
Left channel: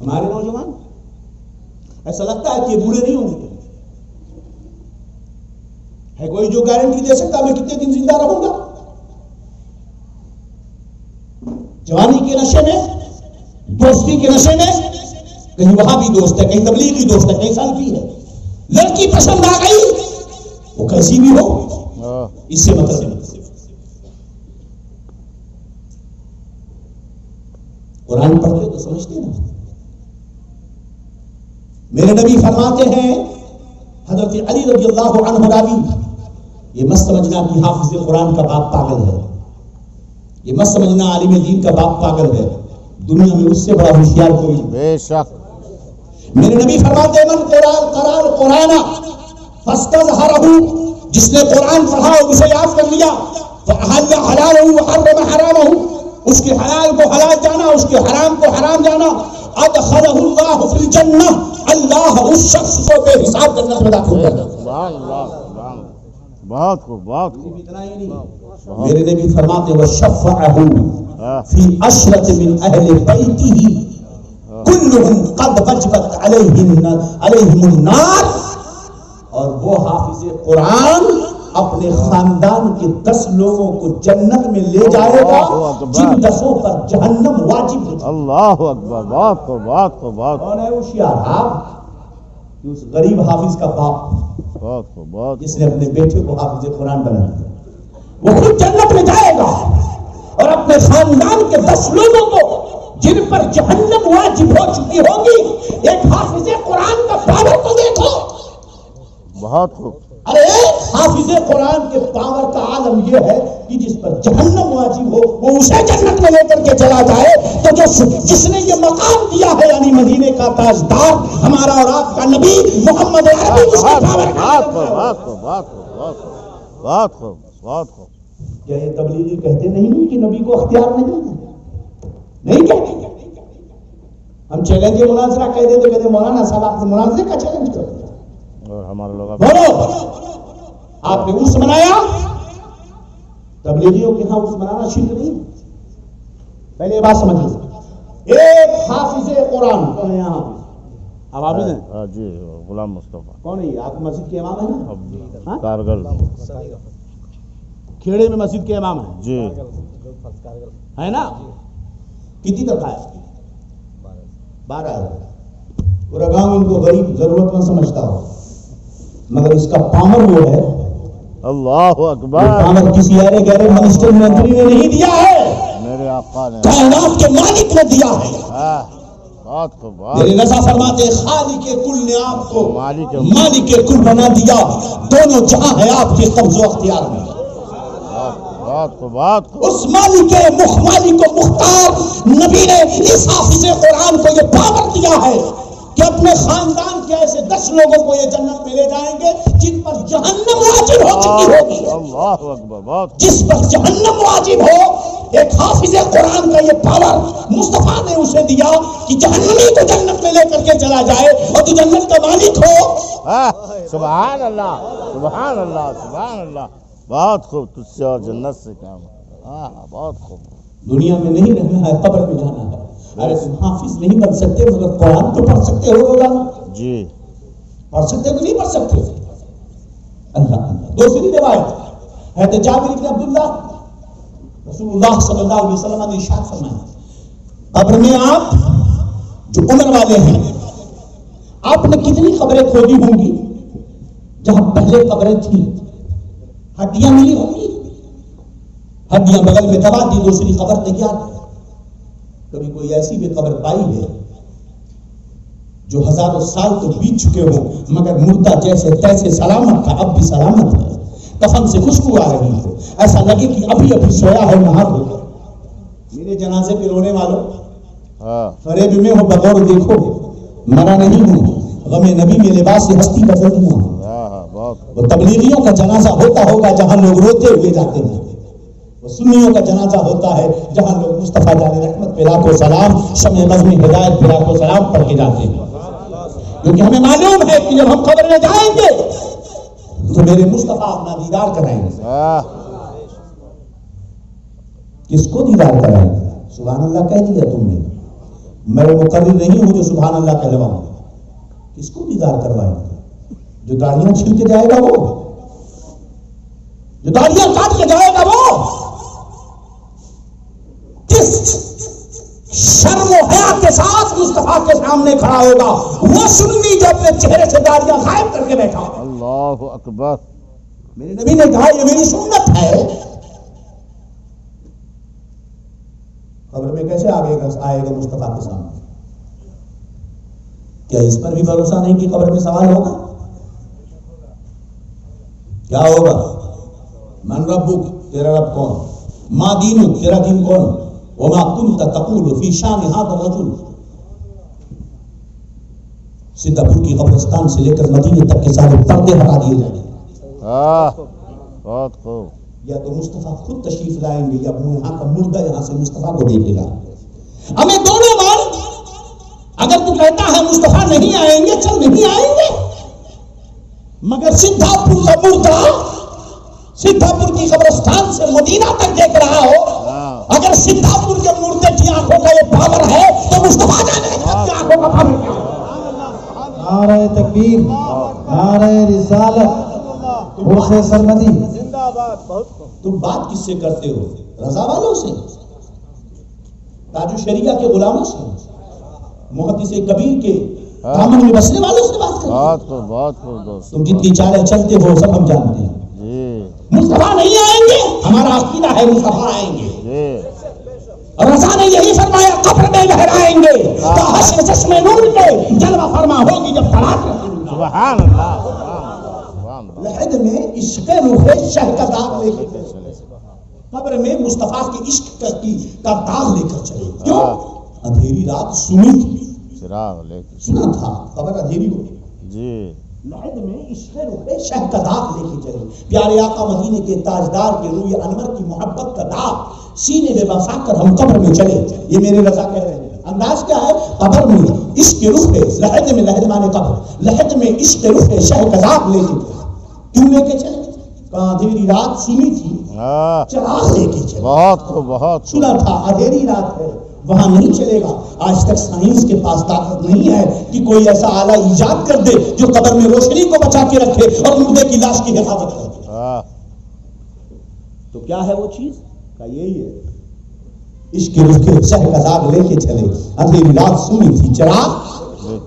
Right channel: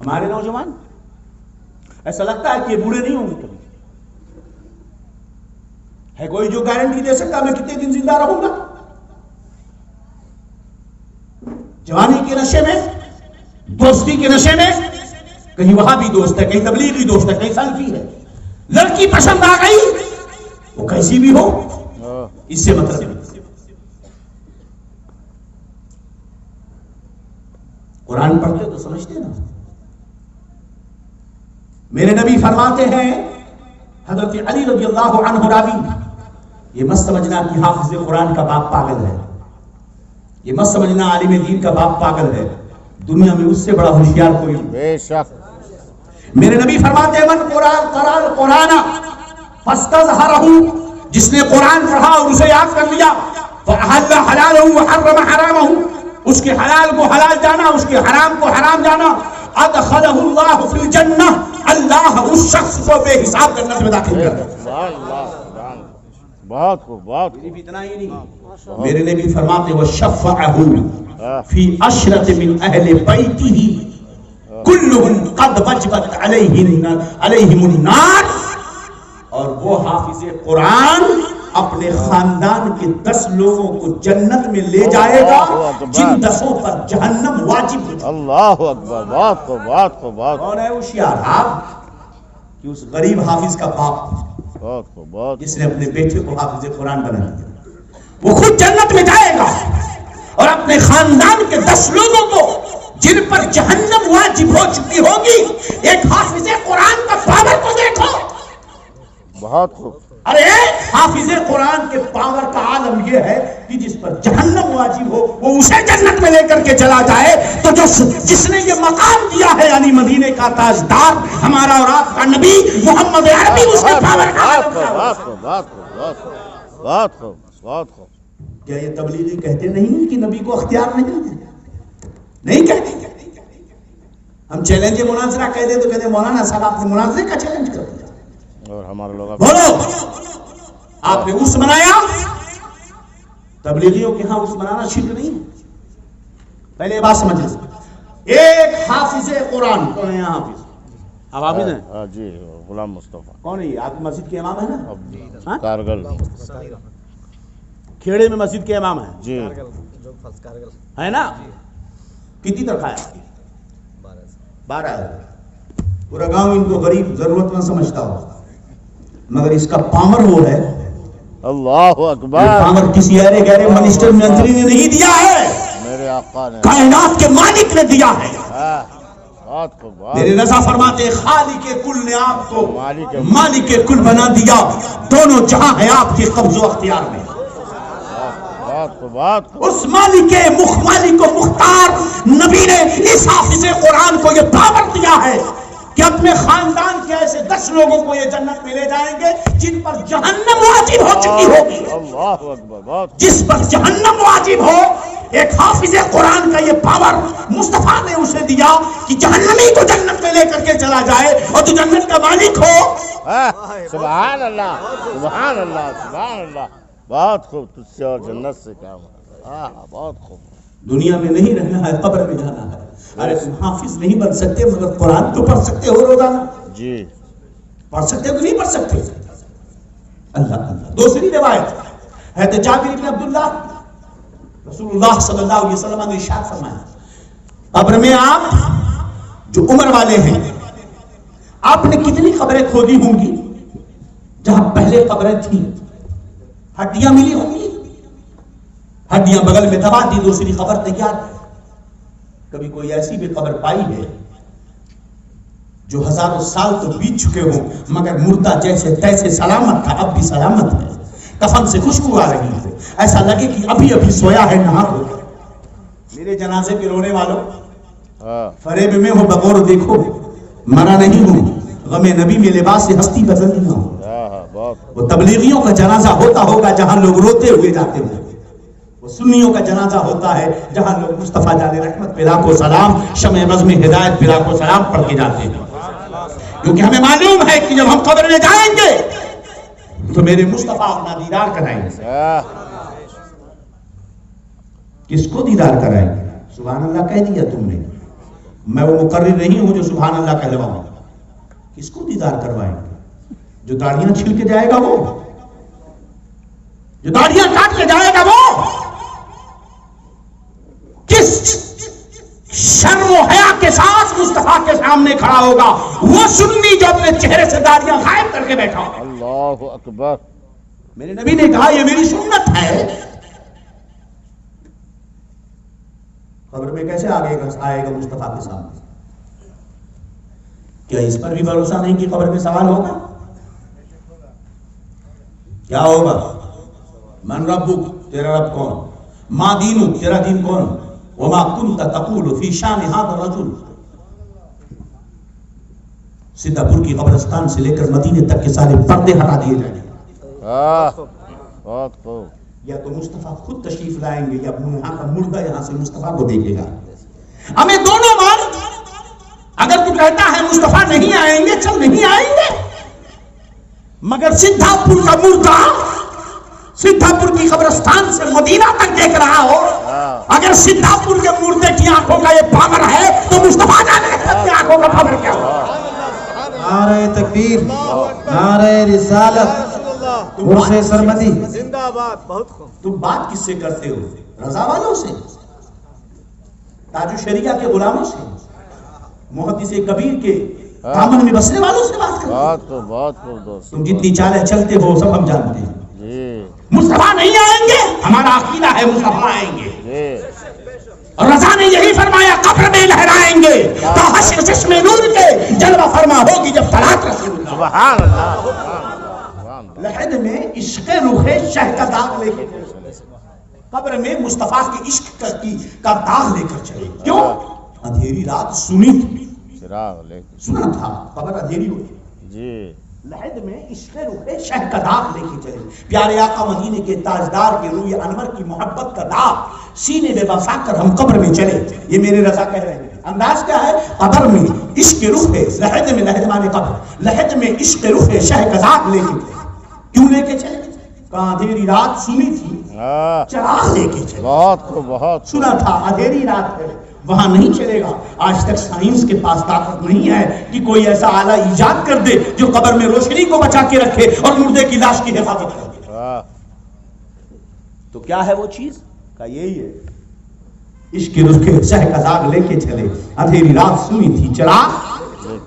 ہمارے نوجوان ایسا لگتا ہے کہ یہ بوڑھے نہیں ہوں گے. ہے کوئی جو گارنٹی دے سکتا میں کتنے دن زندہ رہوں گا؟ جوانی کے نشے میں، دوستی کے نشے میں، کہیں وہاں بھی دوست ہے، کہیں تبلیغی دوست ہے، کہیں سلفی ہے. لڑکی پسند آ گئی، وہ کیسی بھی ہو، اس سے مطلب نہیں. قرآن پڑھتے تو سمجھتے نا. میرے نبی فرماتے ہیں، حضرت علی رضی اللہ عنہ راوی، یہ مت سمجھنا کہ حافظ قرآن کا باپ پاگل ہے، یہ مت سمجھنا عالم دین کا باپ پاگل ہے. دنیا میں اس سے بڑا ہوشیار کوئی نہیں. بے شک. میرے نبی فرماتے ہیں، من قرأ القرآن فاستظہرہ، جس نے قرآن پڑھا اور اسے یاد کر لیا، فأحل حلالہ وحرم حرامہ، اس کے حلال کو حلال جانا، اس کے حرام کو حرام جانا، ادخلہ اللہ فی الجنہ، اللہ اس شخص کو بے حساب جنت میں داخل کر دے. بہت خوب. بہت خوب. اتنا ہی نہیں، میرے نبی فرماتے وشفعہ فی عشرۃ من اہل بیتہ کلہم قد وجبت علیہم النار، اور وہ حافظ قرآن اپنے خاندان کے 10 لوگوں کو جنت میں لے جائے گا جن 10 پر جہنم واجب ہے. اللہ اکبر. بہت خوب. بہت خوب. بہت. کون ہے ہوشیار؟ آپ کہ اس غریب حافظ کا باپ بہت خوب. بہت جس نے اپنے بیٹے کو حافظ قرآن بنا دیا، وہ خود جنت میں جائے گا اور اپنے خاندان کے 10 لوگوں کو جن پر جہنم واجب ہو چکی ہوگی، ایک حافظ قرآن کا پاور کو دیکھو. بہت خوب. ارے حافظ قرآن کے پاور کا عالم یہ ہے کہ جس پر جہنم واجب ہو وہ اسے جنت میں لے کر کے چلا جائے. تو جس نے یہ مقام دیا ہے، یعنی مدینے کا تاجدار ہمارا اور آپ کا نبی محمد عربی، اس کے پاور کا بہت خوب. بہت خوب. کیا یہ تبلیغی کہتے نہیں کہ نبی کو اختیار نہیں کہتے؟ ہم چیلنج مناظرہ کہہ دیں تو کہتے مولانا صاحب آپ نے مناظرے کا چیلنج کر دیا. اور ہمارے لوگ بولو، آپ نے اس بنایا. تبلیغیوں کے ہاں اس بنانا شرک نہیں. پہلے یہ بات سمجھ لیں، ایک حافظ قرآن کون ہے یہاں؟ حافظ اب حافظ ہیں جی، غلام مصطفیٰ. کون ہے؟ آپ مسجد کے امام ہیں نا؟ کارگل کھیڑے میں مسجد کے امام ہیں جی، ہے نا؟ کتنی تک آیا؟ 12. پورا گاؤں ان کو غریب ضرورت مند سمجھتا ہو، مگر اس کا پاور وہ ہے. اللہ اکبر. پاور کسی ایرے گہرے منسٹر منتری نے نہیں دیا ہے، میرے آقا نے، کائنات کے مالک نے دیا ہے. بات کو میرے رضا فرماتے خالق کل نے آپ کو مالک کل بنا دیا، دونوں جہاں ہے آپ کے قبض و اختیار میں. بات اس مالک مختار نبی نے اس حافظ قرآن کو یہ پاور دیا ہے کہ کہ اپنے خاندان کے ایسے 10 لوگوں کو یہ جنت میں لے جائیں گے جن پر جہنم واجب ہو چکی ہوگی. اللہ اکبر. بہت جس پر جہنم واجب ہو. ایک حافظ قرآن کا یہ پاور مصطفیٰ نے اسے دیا کہ جہنمی کو جنت میں لے کر کے چلا جائے اور تو جنت کا مالک ہو. سبحان اللہ سبحان اللہ سبحان اللہ. بہت خوب. تجھ سے اور جنت سے کیا بہت خوب. دنیا میں نہیں رہنا ہے, قبر میں جانا ہے. ارے تم حافظ نہیں بن سکتے مگر قرآن تو پڑھ سکتے ہو روزانہ. جی پڑھ سکتے ہو نہیں پڑھ سکتے. اللہ اللہ. دوسری روایت ہے تو جابر بن عبداللہ رسول اللہ صلی اللہ علیہ وسلم نے ارشاد فرمایا قبر میں آپ جو عمر والے ہیں آپ نے کتنی قبریں کھودی ہوں گی جہاں پہلے قبریں تھیں ہڈیاں ملی ہوں گی. ہڈیاں بغل میں دبا دی, دوسری قبر تیار ہے. کبھی کوئی ایسی بھی قبر پائی ہے جو ہزاروں سال تو بیت چکے ہوں مگر مردہ جیسے تیسے سلامت تھا اب بھی سلامت ہے, کفن سے خوشبو آ رہی ہے, ایسا لگے کہ ابھی ابھی سویا ہے نہا ہو کر. میرے جنازے پہ رونے والوں فریب میں ہو بغور دیکھو مرا نہیں ہوں, غم نبی میں لباس سے ہستی بدل نہیں ہوں. وہ تبلیغیوں کا جنازہ ہوتا ہوگا جہاں لوگ روتے ہوئے جاتے ہیں, وہ سنیوں کا جنازہ ہوتا ہے جہاں لوگ مصطفیٰ جان رحمت پہ لاکھوں سلام شمع بزم ہدایت پہ لاکھوں سلام پڑھ کے جاتے ہیں. کیونکہ ہمیں معلوم ہے کہ جب ہم قبر میں جائیں گے تو میرے مصطفیٰ اپنا دیدار کرائیں گے. کس کو دیدار کرائیں گے؟ سبحان اللہ کہہ دیا تم نے, میں وہ مقرر نہیں ہوں جو سبحان اللہ کہلواؤں. کس کو دیدار کروائیں گے؟ جو داڑیاں چھل کے جائے گا وہ, جو داڑیاں کاٹ کے جائے گا وہ, کس شرم و حیا کے ساتھ مصطفیٰ کے سامنے کھڑا ہوگا وہ سنی جو اپنے چہرے سے داڑیاں غائب کر کے بیٹھا ہوگا. اللہ اکبر. میرے نبی نے کہا یہ میری سنت ہے. قبر میں کیسے آئے گا مصطفیٰ کے سامنے؟ کیا اس پر بھی بھروسہ نہیں کہ قبر میں سوال ہوگا؟ کیا ہوگا؟ من ربک, تیرا رب کون؟ ما دینک, تیرا دین کون؟ وما کنت تقول فی شان ھذا الرجل. سیدھا پور کی قبرستان سے لے کر مدینے تک کے سارے پردے ہٹا دیے جائیں گے. بہت خوب. یا تو مصطفیٰ خود تشریف لائیں گے یا یہاں کا مردہ یہاں سے مصطفیٰ کو دیکھے گا. ہمیں دونوں بار اگر تو کہتا ہے مصطفیٰ نہیں آئیں گے, چل نہیں آئیں گے, مگر سدھا پور کا مردہ سدھا پور کی قبرستان سے مدینہ تک دیکھ رہا ہو, اگر سدھا پور کے مردے کی آنکھوں کا یہ پاور ہے تو مصطفیٰ جانے کی آنکھوں کا پاور کیا ہو؟ نعرہ تکبیر, نعرہ رسالت, عرف سرمدی زندہ باد. بہت خوب. تم بات کس سے کرتے ہو؟ رضا والوں سے, تاج الشریعہ کے غلاموں سے, محدث کبیر کے دامن میں بسنے والوں سے بات کرتے ہو. بہت خوب دوست. تم جتنی چالیں چلتے ہو سب ہم جانتے ہیں. مصطفیٰ نہیں آئیں گے, ہمارا عقیدہ ہے مصطفیٰ آئیں گے. اور رضا نے یہی فرمایا قبر میں لہرائیں گے تو حشر چشم نور کے جلوہ فرما ہوگی جب طلعت رسول اللہ. سبحان اللہ. لحد میں عشق روح شہ کا داغ لے کے چلے, قبر میں مصطفیٰ کے عشق کا داغ لے کر چلے. کیوں؟ اندھیری رات سنی تھی, چراغ لے کے سنا تھا, خبر اندھیری ہوئی. جی لحد میں عشق روح شہ کا داغ لے کے چلے. پیارے آقا مدینے کے تاجدار کے روح انور کی محبت کا داغ سینے میں بسا کر ہم قبر میں چلے. یہ میرے رضا کہہ رہے ہیں. انداز کیا ہے؟ قبر میں عشق روح لحد میں, لحد مانے قبر, لحد میں عشق روح شہ کا داغ لے کے چلے. کیوں لے کے چلے؟ اندھیری رات سنی تھی, چراغ لے کے چلے. بہت سنا تھا اندھیری رات ہے, وہاں نہیں چلے گا. آج تک سائنس کے پاس طاقت نہیں ہے کہ کوئی ایسا آلہ ایجاد کر دے جو قبر میں روشنی کو بچا کے رکھے اور مردے کی لاش کی حفاظت کرے. تو کیا ہے وہ چیز؟ کا یہی ہے عشق روح کے شہ کا داغ لے کے چلے. اندھیری رات سنی تھی, چراغ لے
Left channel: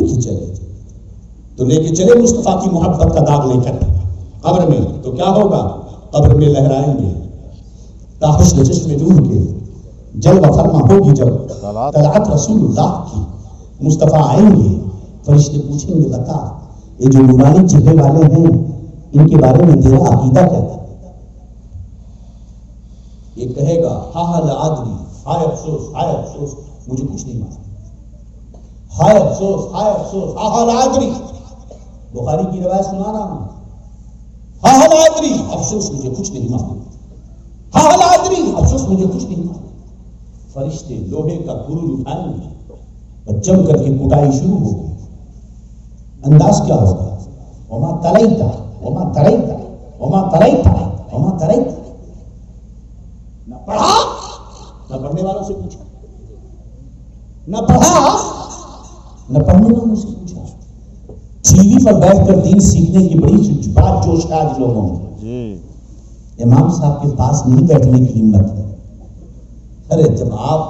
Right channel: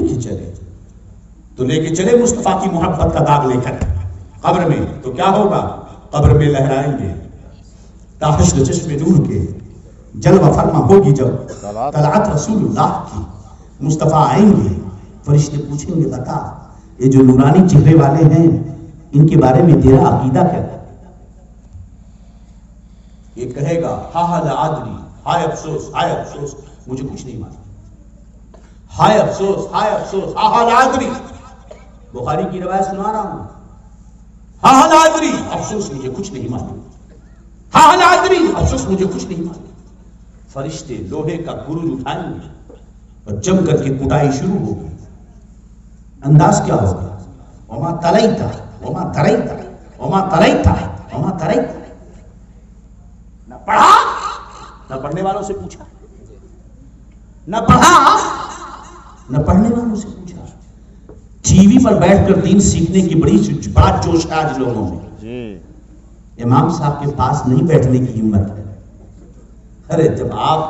کے چلے. تو لے کے چلے مصطفیٰ کی محبت کا داغ لے کر قبر میں. تو کیا ہوگا؟ قبر میں لہرائیں گے تا حشر چشم نور کے جلوہ فرما ہوگی جب طلعت رسول اللہ کی. مصطفیٰ آئیں گے, فرشتے پوچھیں گے بتا یہ جو نورانی چہرے والے ہیں ان کے بارے میں تیرا عقیدہ کیا ہے؟ یہ کہے گا ہاں لا ادری, ہائے افسوس, ہائے افسوس, مجھے کچھ نہیں معلوم. ہائے افسوس، ہائے افسوس، ہاں لادری، بخاری کی روایت سنا رہا ہوں، ہاں لادری، افسوس مجھے کچھ نہیں معلوم، ہاں لادری، افسوس مجھے کچھ نہیں معلوم۔ فرشتے لوہے کا گرج اٹھائیں گے اور جم کر کے کٹائی شروع ہوگی۔ انداز کیا ہوگا؟ وما تلیتا وما تریتا وما تریتا وما تریتا۔ نہ پڑھا، نہ پڑھنے والوں سے پوچھا، نہ پڑھا نہ پڑھنے والوں سے پوچھا۔ ٹی وی پر بیٹھ کر دین سیکھنے کی بڑی بات جوش ہے آج لوگوں میں، امام صاحب کے پاس نہیں بیٹھنے کی ہمت ہے۔ ارے جب آپ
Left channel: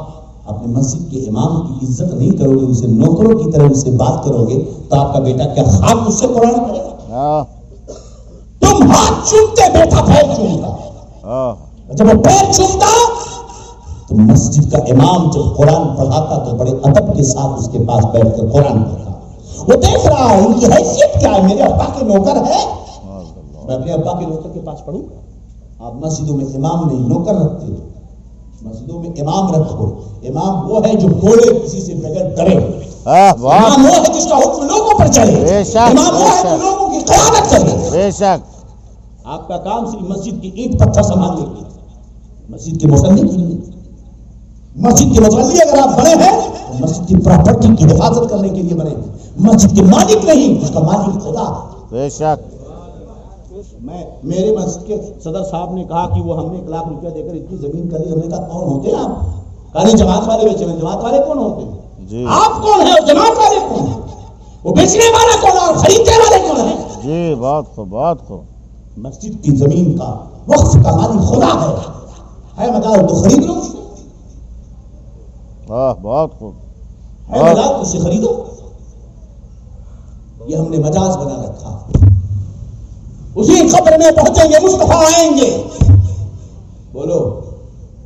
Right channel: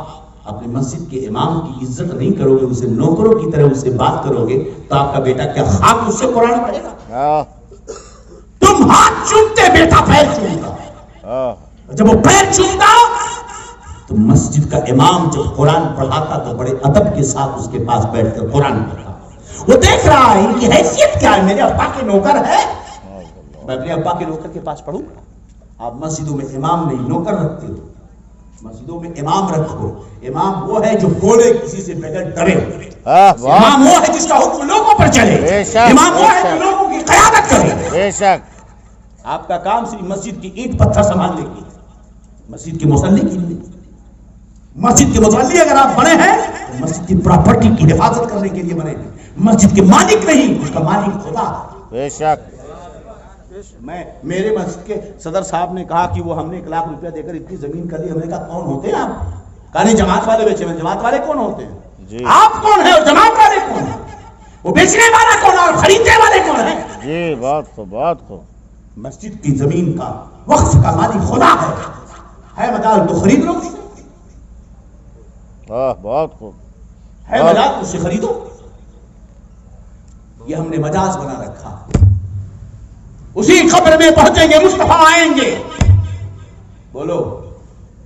اپنے مسجد کے امام کی عزت نہیں کرو گے، اسے نوکروں کی طرح اسے بات کرو گے، تو آپ کا بیٹا کیا خاک اس سے قرآن پڑھے گا؟ تم ہاتھ چومتے، بیٹا پیر چومتا۔ جب وہ پیر چومتا تو مسجد کا امام جب قرآن پڑھاتا تو بڑے ادب کے ساتھ اس کے پاس بیٹھ کر قرآن پڑھا۔ وہ دیکھ رہا ہے ان کی حیثیت کیا ہے، میرے ابا کے نوکر ہے، میں اپنے ابا کے نوکر کے پاس پڑھوں۔ آپ مسجدوں میں امام نہیں نوکر رکھتے ہو، مسجدوں میں امام رکھو۔ امام وہ ہے جو بولے کسی سے بغیر ڈرے، امام وہ ہے جس کا حکم لوگوں پر چلے، امام وہ ہے جو لوگوں کی قیادت کرے۔ بے شک آپ کا کام صرف مسجد کی اینٹ پتھر سنبھالنے کی، مسجد کے مصلی کی نہیں۔ مسجد کے مصلی اگر آپ بنے ہیں تو مسجد کی پراپرٹی کی حفاظت کرنے کے لیے بنے ہیں، مسجد کے مالک نہیں، اس کا مالک خدا۔ بے شک میرے مسجد کے صدر صاحب نے کہا کہ وہ ہم نے 1 لاکھ روپیہ دے کر اتنی زمین کر لی۔ ہم نے کہا کون ہوتے ہیں آپ؟ کہا نہیں جماعت والے بیچے ہیں۔ جماعت والے کون ہوتے ہیں؟ آپ کون ہیں اور جماعت والے کون ہیں؟ وہ بیچنے والا کون ہے اور خریدنے والے کون ہیں؟ جی بات کو بات کو مسجد کی زمین کا وقف کا مالک خدا ہے مجال تو خرید لو، بہت خوب، ہے مجال اس سے خریدو۔ یہ ہم نے مجاز بنا رکھا۔ اسی قبر میں پہنچیں گے، مصطفیٰ آئیں گے۔ بولو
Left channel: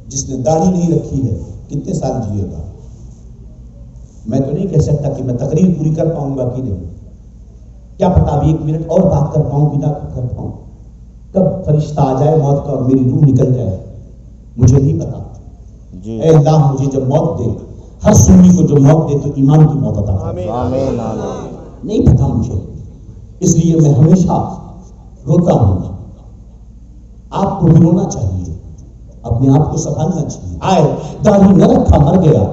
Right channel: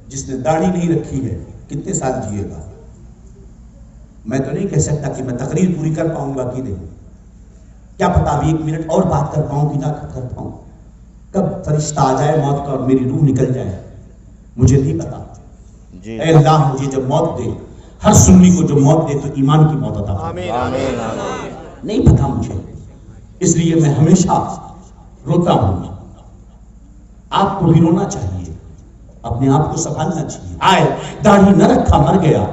جس نے داڑھی نہیں رکھی ہے کتنے سال جیے گا؟ میں تو نہیں کہہ سکتا کہ میں تقریر پوری کر پاؤں گا کہ نہیں، کیا پتا ابھی 1 منٹ اور بات کر پاؤں کہ نہ کر پاؤں، کب فرشتہ آ جائے موت کا اور میری روح نکل جائے مجھے نہیں پتا۔ اے اللہ مجھے جب موت دے، ہر سنی کو جو موت دے تو ایمان کی موت عطا فرما۔ آمین۔ نہیں پتا مجھے، اس لیے میں ہمیشہ روتا ہوں۔ آپ کو بھی رونا چاہیے، اپنے آپ کو سنبھالنا چاہیے۔ آئے داڑھی نہ رکھا مر گیا،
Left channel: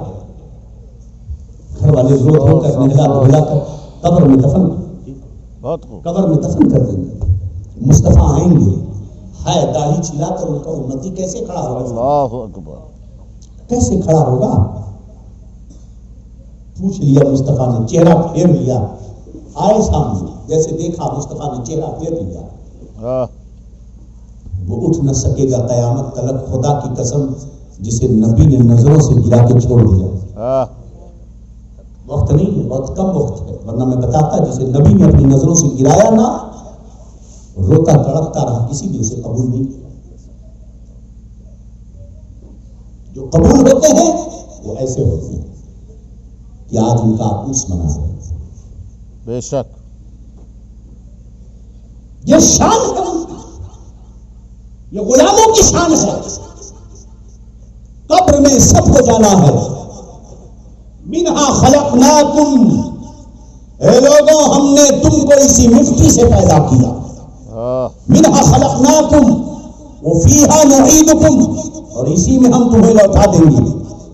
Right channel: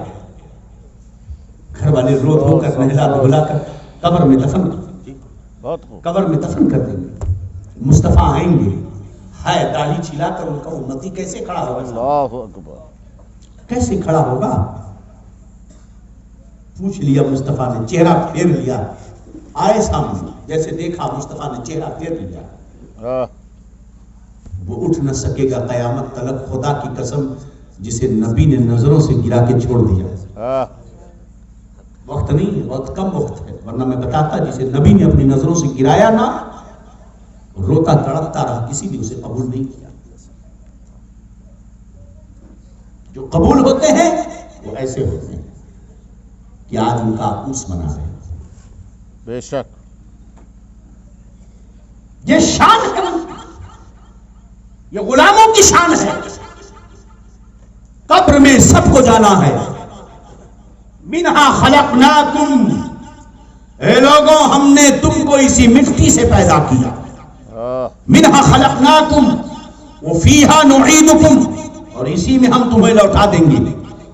گھر والے رو رو کر نہلا دھلا کر قبر میں دفن کر دیں گے۔ مصطفیٰ آئیں گے، ہائے داڑھی چھلا کر ان کا امتی کیسے کھڑا ہوگا؟ اللہ اکبر، کیسے کھڑا ہوگا؟ پوچھ لیا مصطفیٰ نے، چہرہ پھیر لیا، آئے سامنے، جیسے دیکھا مصطفیٰ نے چہرہ پھیر لیا۔ وہ اٹھ نہ سکے گا قیامت تلک، خدا کی قسم جسے نبی نے نظروں سے گرا کے چھوڑ دیا۔ وقت نہیں ہے، بہت کم وقت ہے، ورنہ میں بتاتا جسے نبی نے اپنی نظروں سے گرایا نہ، روتا تڑپتا رہا، کسی نے اسے قبول نہیں کیا۔ جو قبول ہوتے ہیں وہ ایسے ہوتے ہیں کہ آج ان کا عروس منا ہے۔ بے شک یہ شان ہے، یہ غلاموں کی شان ہے۔ قبر میں سب کو جانا ہے۔ منہا خلقناکم، اے لوگوں ہم نے تم کو اسی مٹی سے پیدا کیا۔ منہا خلقناکم وفیہا نعیدکم، اور اسی میں ہم تمہیں لوٹا دیں گے۔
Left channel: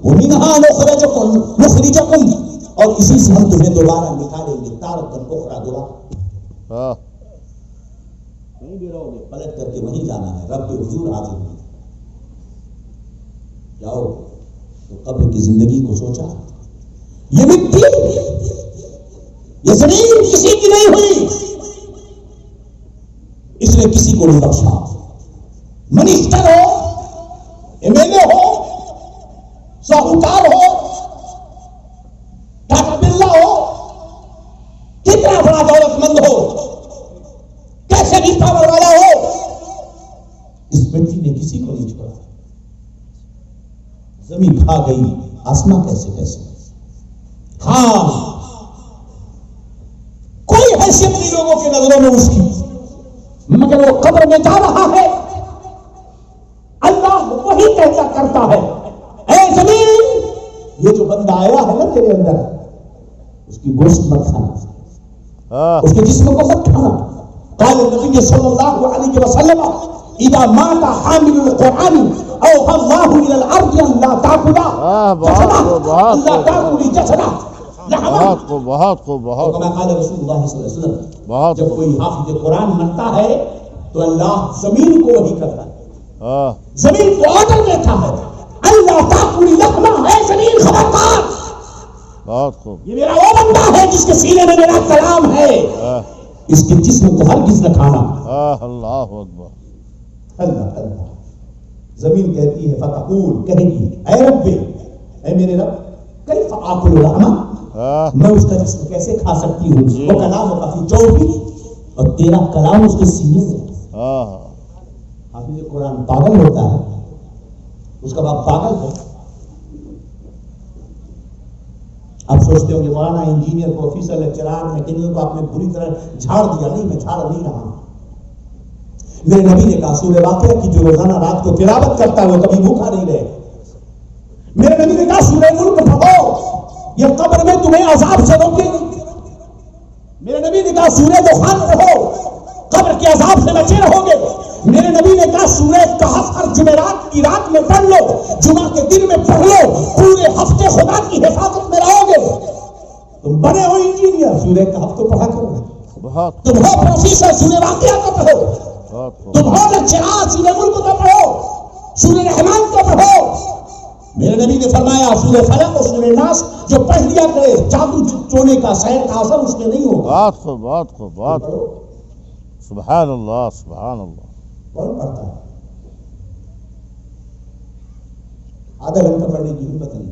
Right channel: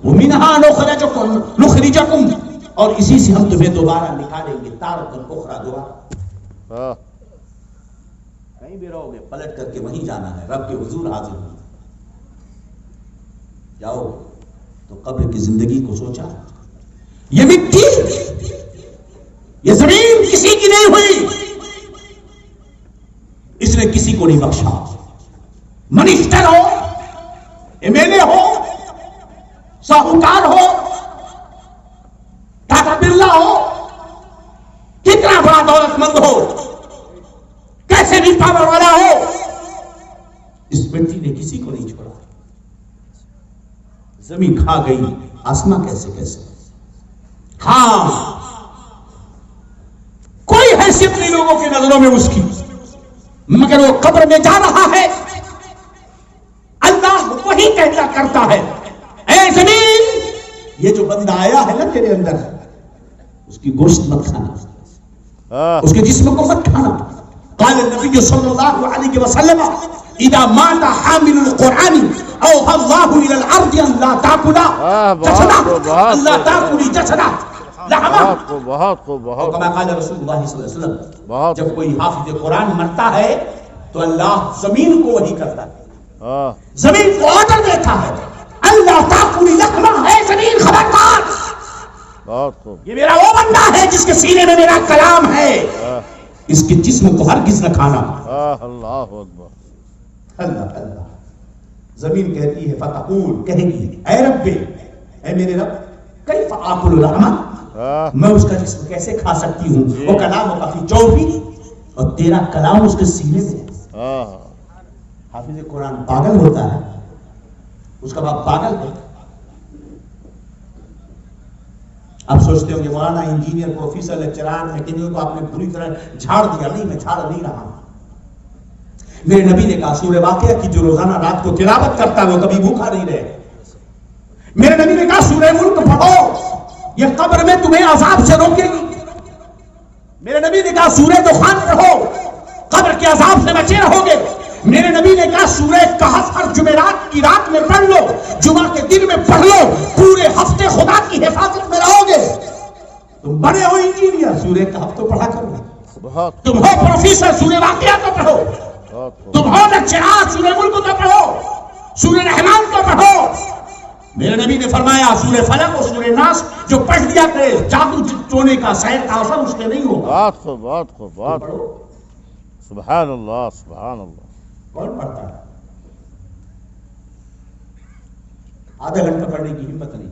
ومنہا نخرجکم، اور اسی سے ہم تمہیں دوبارہ نکالیں گے، تارۃ اخری، دوبارہ کہیں بھی رہو گے پلٹ کر کے وہیں جانا ہے، رب کے حضور حاضر ہونا۔ جاؤ تو قبر کی زندگی کو سوچا، یہ مٹی یہ زمین کسی کی نہیں ہوئی، اس نے کسی کو نہیں بخشا۔ منسٹر ہو، ایم ایل اے ہو، ساہوکار ہو، ٹاٹا برلا ہو، کتنا بڑا دولت مند ہو، کیسے بھی پاور والا ہو، اس مٹی نے کسی کو نہیں چھوڑا۔ زمین کھا گئی، آسمان کیسے ہاں کوئی حیثیت نہیں لوگوں کے نظروں میں اس کی، مگر وہ قبر میں جا رہا ہے، اللہ وہی کہتا کرتا ہے، اے زمین یہ جو بندہ آیا ہے نا تیرے اندر، اس کی گوشت مت کھانا، ہاں اس کے جسم کو مت کھانا. قال النبی صلی اللہ علیہ وسلم اذا مات حامل القرآن اوحى الله الى الارض ان لا تاكل جسده الا تاكل جسده لحما. بہت خوب بہت خوب بہت كما قال رسول اللہ صلی اللہ علیہ وسلم بہت جب کوئی حافظ قرآن مرتا ہے تو اللہ زمین کو وحی کرتا ہے، ہاں زمین کو آرڈر دیتا ہے اللہ تاکل لحما، ہے زمین خبردار، بہت خوب یہ میرا وہ بندہ ہے جس کے سینے میں میرا کلام ہے، ہاں اس کے جسم کو ہرگز نہ کھانا. اللہ اکبر. اللہ اللہ. زمین کہتی ہے فتقول، کہے گی اے رب، اے میرے رب، کیف آکل لحما، ہاں میں اس کا جسم کیسے کھا سکتی ہوں؟ وہ کلام کافی جوڑی اور تیرا کلام اس کے سینے میں. ہاں حافظ قرآن پاگل ہوتا ہے، اس کا باپ پاگل ہے. اب سوچتے ہو کہ مولانا انجینئر پروفیسر لیکچرار میکینک کو آپ نے پوری طرح جھاڑ دیا. نہیں، میں جھاڑ نہیں رہا ہوں. میرے نبی نے کہا سورہ واقعہ کی جو روزانہ رات کو تلاوت کرتا ہے وہ کبھی بھوکا نہیں رہے. میرے نبی نے کہا سورہ ملک پڑھو، یہ قبر میں تمہیں عذاب سے روکے گی. میرے نبی نے کہا سورہ دخان پڑھو، قبر کے عذاب سے بچے رہو گے. میرے نبی نے کہا سورہ کہف ہر جمعرات کی رات میں پڑھ لو، جمعہ کے دن میں پڑھ لو، پورے ہفتے خدا کی حفاظت میں رہو گے. تم بڑے ہو انجینئر، سورہ کہف تو پڑھا کرو. بہت تم ہو پروفیسر، سورہ واقعہ تو پڑھو. بہت خوب. تم ہو لیکچرار، سورہ ملک تو پڑھو، سورہ رحمان تو پڑھو. میرے نبی نے فرمایا سورہ فلق اور سورہ ناس جو پڑھ لیا کرے جادو ٹونے کا سحر کا اثر اس کے نہیں ہوگا. بہت خوب بہت خوب بہت خوب. سبحان اللہ سبحان اللہ. کون پڑھتا ہے؟ آدھا گھنٹہ پڑھنے کی ہمت نہیں.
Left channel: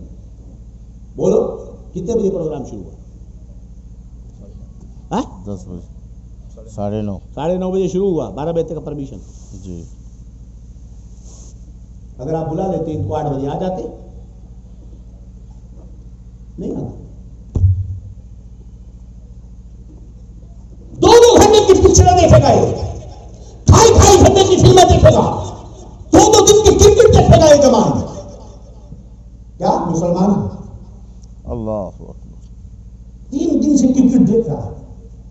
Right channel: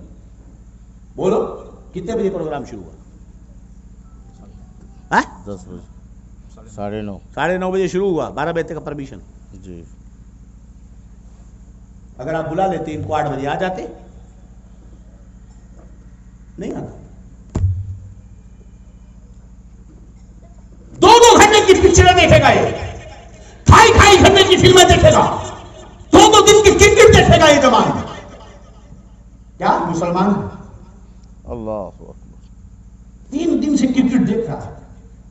بولو کتنے بجے پروگرام شروع ہوا؟ 10 بجے 9:30. 9:30 بجے شروع ہوا، 12 بجے تک پرمیشن. جی اگر آپ بلا لیتے ان کو 8 بجے آ جاتے. نہیں آنا. 2 گھنٹے کی پکچریں دیکھے گا، 2.5 گھنٹے کی فلمیں دیکھے گا، 2 دن کی کرکٹ دیکھے گا. یہ جوان کیا مسلمان اللہ اکبر. 3 دن سے کرکٹ دیکھ رہا ہے،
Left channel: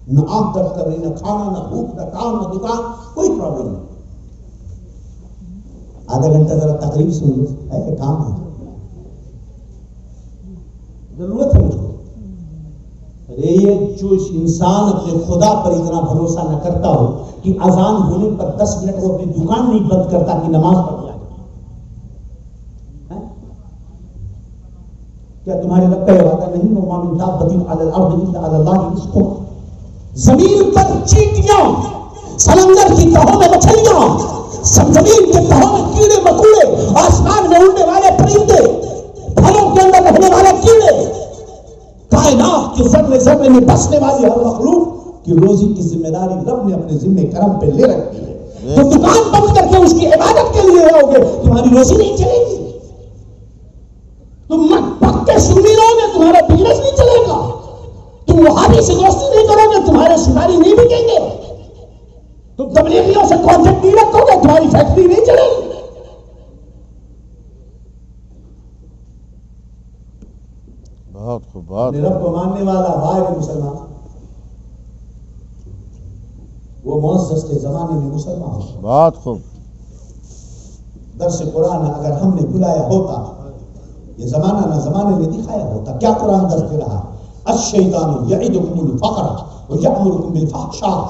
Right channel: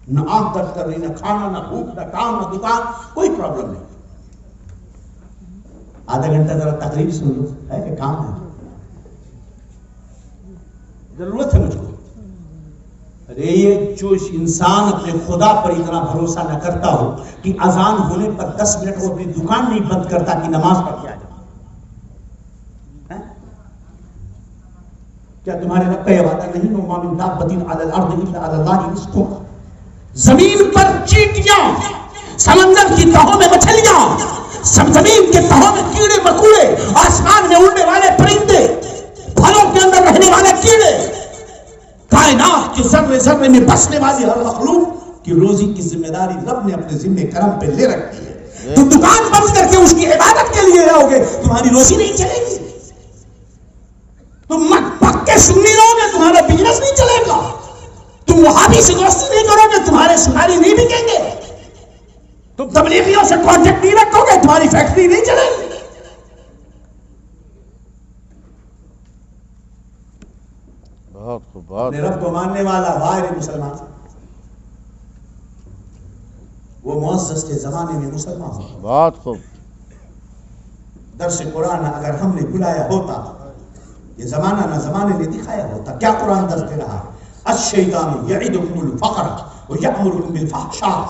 نہ آنکھ درد کر رہی، نہ کھانا، نہ بھوک، نہ کام، نہ دکان، کوئی پرابلم نہیں. آدھا گھنٹہ ذرا تقریر سن لو، ہے کام ہے، ضرورت ہے مجھ کو. ارے یہ جو انسان اپنے خدا پر اتنا بھروسہ نہ کرتا ہو کہ اذان ہونے پر 10 منٹ وہ اپنی دکان نہیں بند کرتا کہ نماز پڑھ کے آ جائے. کیا تمہارے رب کا یہ وعدہ نہیں؟ وَمَا مِن دَابَّةٍ عَلَى الْأَرْضِ إِلَّا عَلَى اللَّهِ رِزْقُهَا. زمین پر چیٹیاں، سمندر کی تہوں میں مچھلیاں، زمین کے تہوں میں کیڑے مکوڑے، آسمان میں اڑنے والے پرندے، پھلوں کے اندر رہنے والے کیڑے، کائنات کے ذرے ذرے میں بسنے والی ہر مخلوق کی روزی کی ذمہ داری رب نے اپنے ذمہ کرم پہ لے رکھی ہے. تو دکان بند کر کے اس کی عبادت کے لیے رہو گے، تمہاری روزی نہیں چلے گی. تم پکے سنی رہو گے، تمہارا بزنس نہیں چلے گا. تم وہابی سے دوستی نہیں کرو گے، تمہارے سناری نہیں بکیں گے. تم تبلیغیوں سے کانٹیکٹ نہیں رکھو گے، تمہاری فیکٹری نہیں چلے گی. بہت خوب بہت اپنے رب کو ماننے والا غیر مسلمان، وہ معزز کے زمانے میں مسلمان ہو. بہت خوب. درس قرآن اگر ہم نے بلایا ہوتا، یہ زمانہ نہ زمانے نے دکھایا ہوتا. کیا قرآن درس دے رہا ہے؟ الشیطان یعدکم الفقر ویأمرکم بالفحشاء.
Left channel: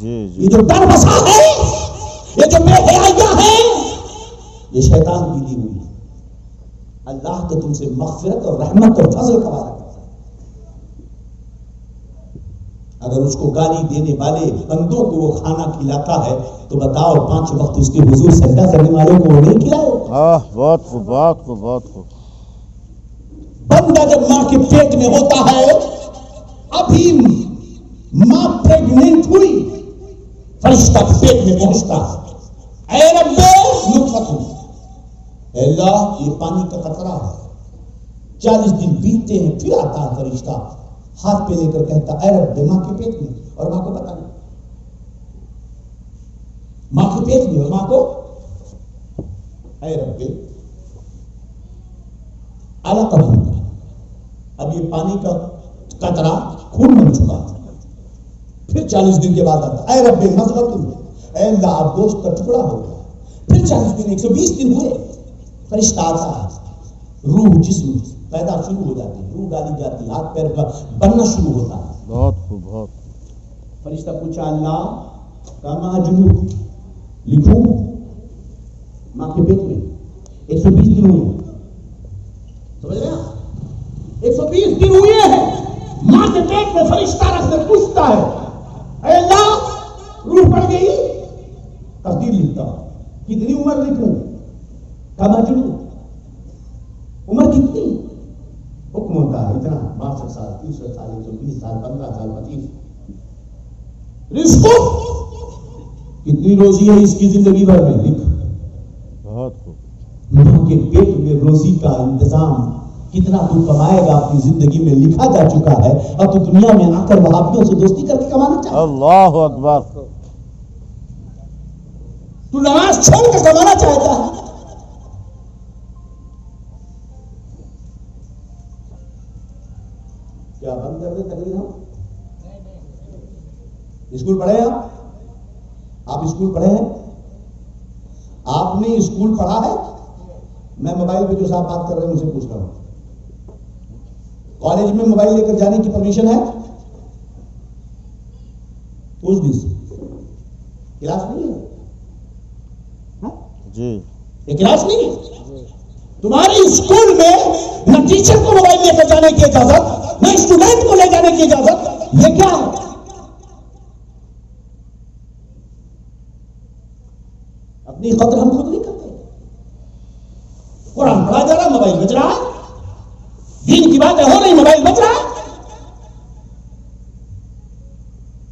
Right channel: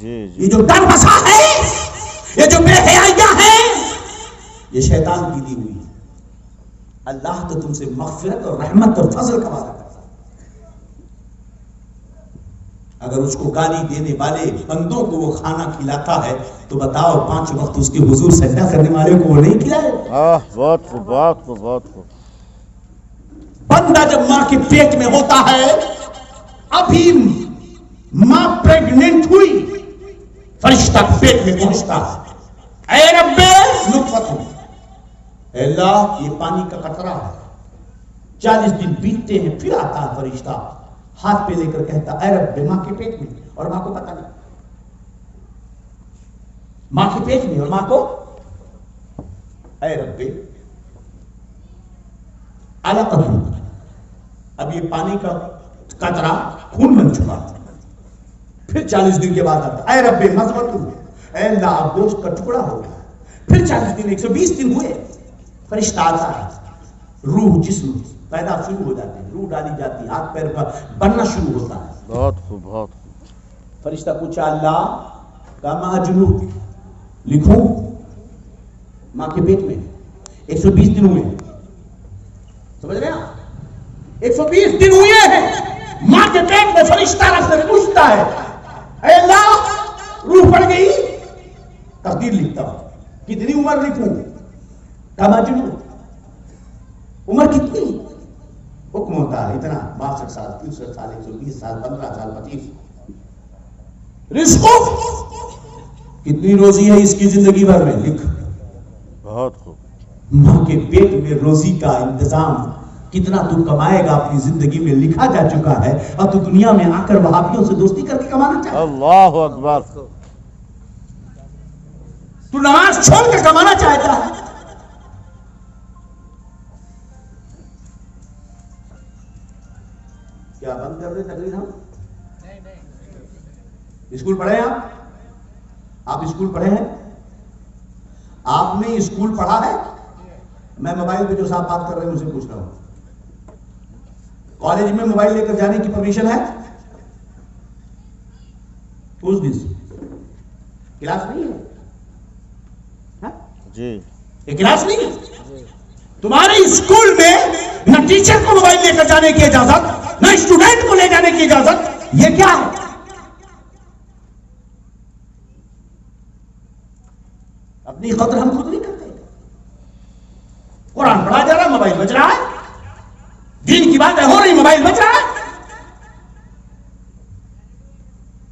جی یہ جو ڈر بسا ہے، یہ جو بے حیائیاں ہیں، یہ شیطان کی دی ہوئی. اللہ تو تم سے مغفرت اور رحمت اور فضل کا وعدہ کرتا ہے. اگر اس کو گالی دینے والے بندوں کو وہ کھانا کھلاتا ہے تو بتاؤ 5 وقت اس کے حضور سجدہ کرنے والے کو وہ نہیں کھلائے؟ بہت خوب بہت خوب بہت خوب. بندہ جب ماں کے پیٹ میں ہوتا ہے، ابھی ماں پریگننٹ ہوئی، فرشتہ پیٹ میں پہنچتا ہے، اے رب نطفت ہوں، اے اللہ یہ پانی کا قطرہ ہے. 40 دن بیتتے ہیں، پھر آتا ہے فرشتہ ہاتھ پہ لے کر کہتا اے رب ماں کے پیٹ میں، اور ماں کو پتا نہیں، ماں کے پیٹ میں اور ماں کو اے رب علقہ. اب یہ پانی کا قطرہ خون بن چکا. پھر 40 دن کے بعد آتا اے رب مذمت، اے اللہ اب گوشت کا ٹکڑا ہو گیا. پھر 40 دن 120 دن ہوئے، فرشتہ آتا ہے، روح جسم پیدا شروع ہو جاتے ہیں، روح ڈالی جاتی ہے، ہاتھ پیر کا بننا شروع ہوتا ہے. بہت خوب بہت خوب. فرشتہ پوچھا اللہ کا ماں جنوب لکھوں ماں کے پیٹ میں 120 دن ہوئے. سمجھ رہے ہیں؟ 120 دن ہوئے ہیں ماں کے پیٹ میں. فرشتہ رب سے پوچھتا ہے اے اللہ روح پڑ گئی، تقدیر لکھتا ہوں، کتنی عمر لکھوں؟ کما جنوب عمر کتنی؟ حکم ہوتا ہے اتنا، 62 سال 63 سال 120 سال 15 سال 25. رزق کتنی روزی ہے اس کی زندگی بھر میں لکھ. بہت خوب. ماں کے پیٹ میں روزی کا انتظام کتنا تو کمائے گا اپنی زندگی میں لکھا جا چکا ہے، اور تو دنیا میں آ کر وہابیوں سے دوستی کر کے کمانا چاہتا ہے. اللہ اکبر. تو نماز چھوڑ کر کمانا چاہتا ہے. کیا بند کر دیں تقریر؟ ہم اسکول پڑھے ہیں؟ آپ اسکول پڑھے ہیں؟ آپ نے اسکول پڑھا ہے؟ میں موبائل پہ جو صاحب بات کر رہے ہیں ان سے پوچھ رہا ہوں، کالج میں موبائل لے کر جانے کی پرمیشن ہے؟ اس دن سے کلاس نہیں ہے جی، یہ کلاس نہیں ہے. تمہارے اسکول میں نہ ٹیچر کو موبائل لے کر جانے کی اجازت، نہ اسٹوڈنٹ کو لے جانے کی اجازت. یہ کیا ہے؟ اپنی قدر ہم خود نہیں کرتے. قرآن پڑھا جا رہا، موبائل بج رہا ہے. دین کی باتیں ہو رہی، موبائل بج رہا ہے.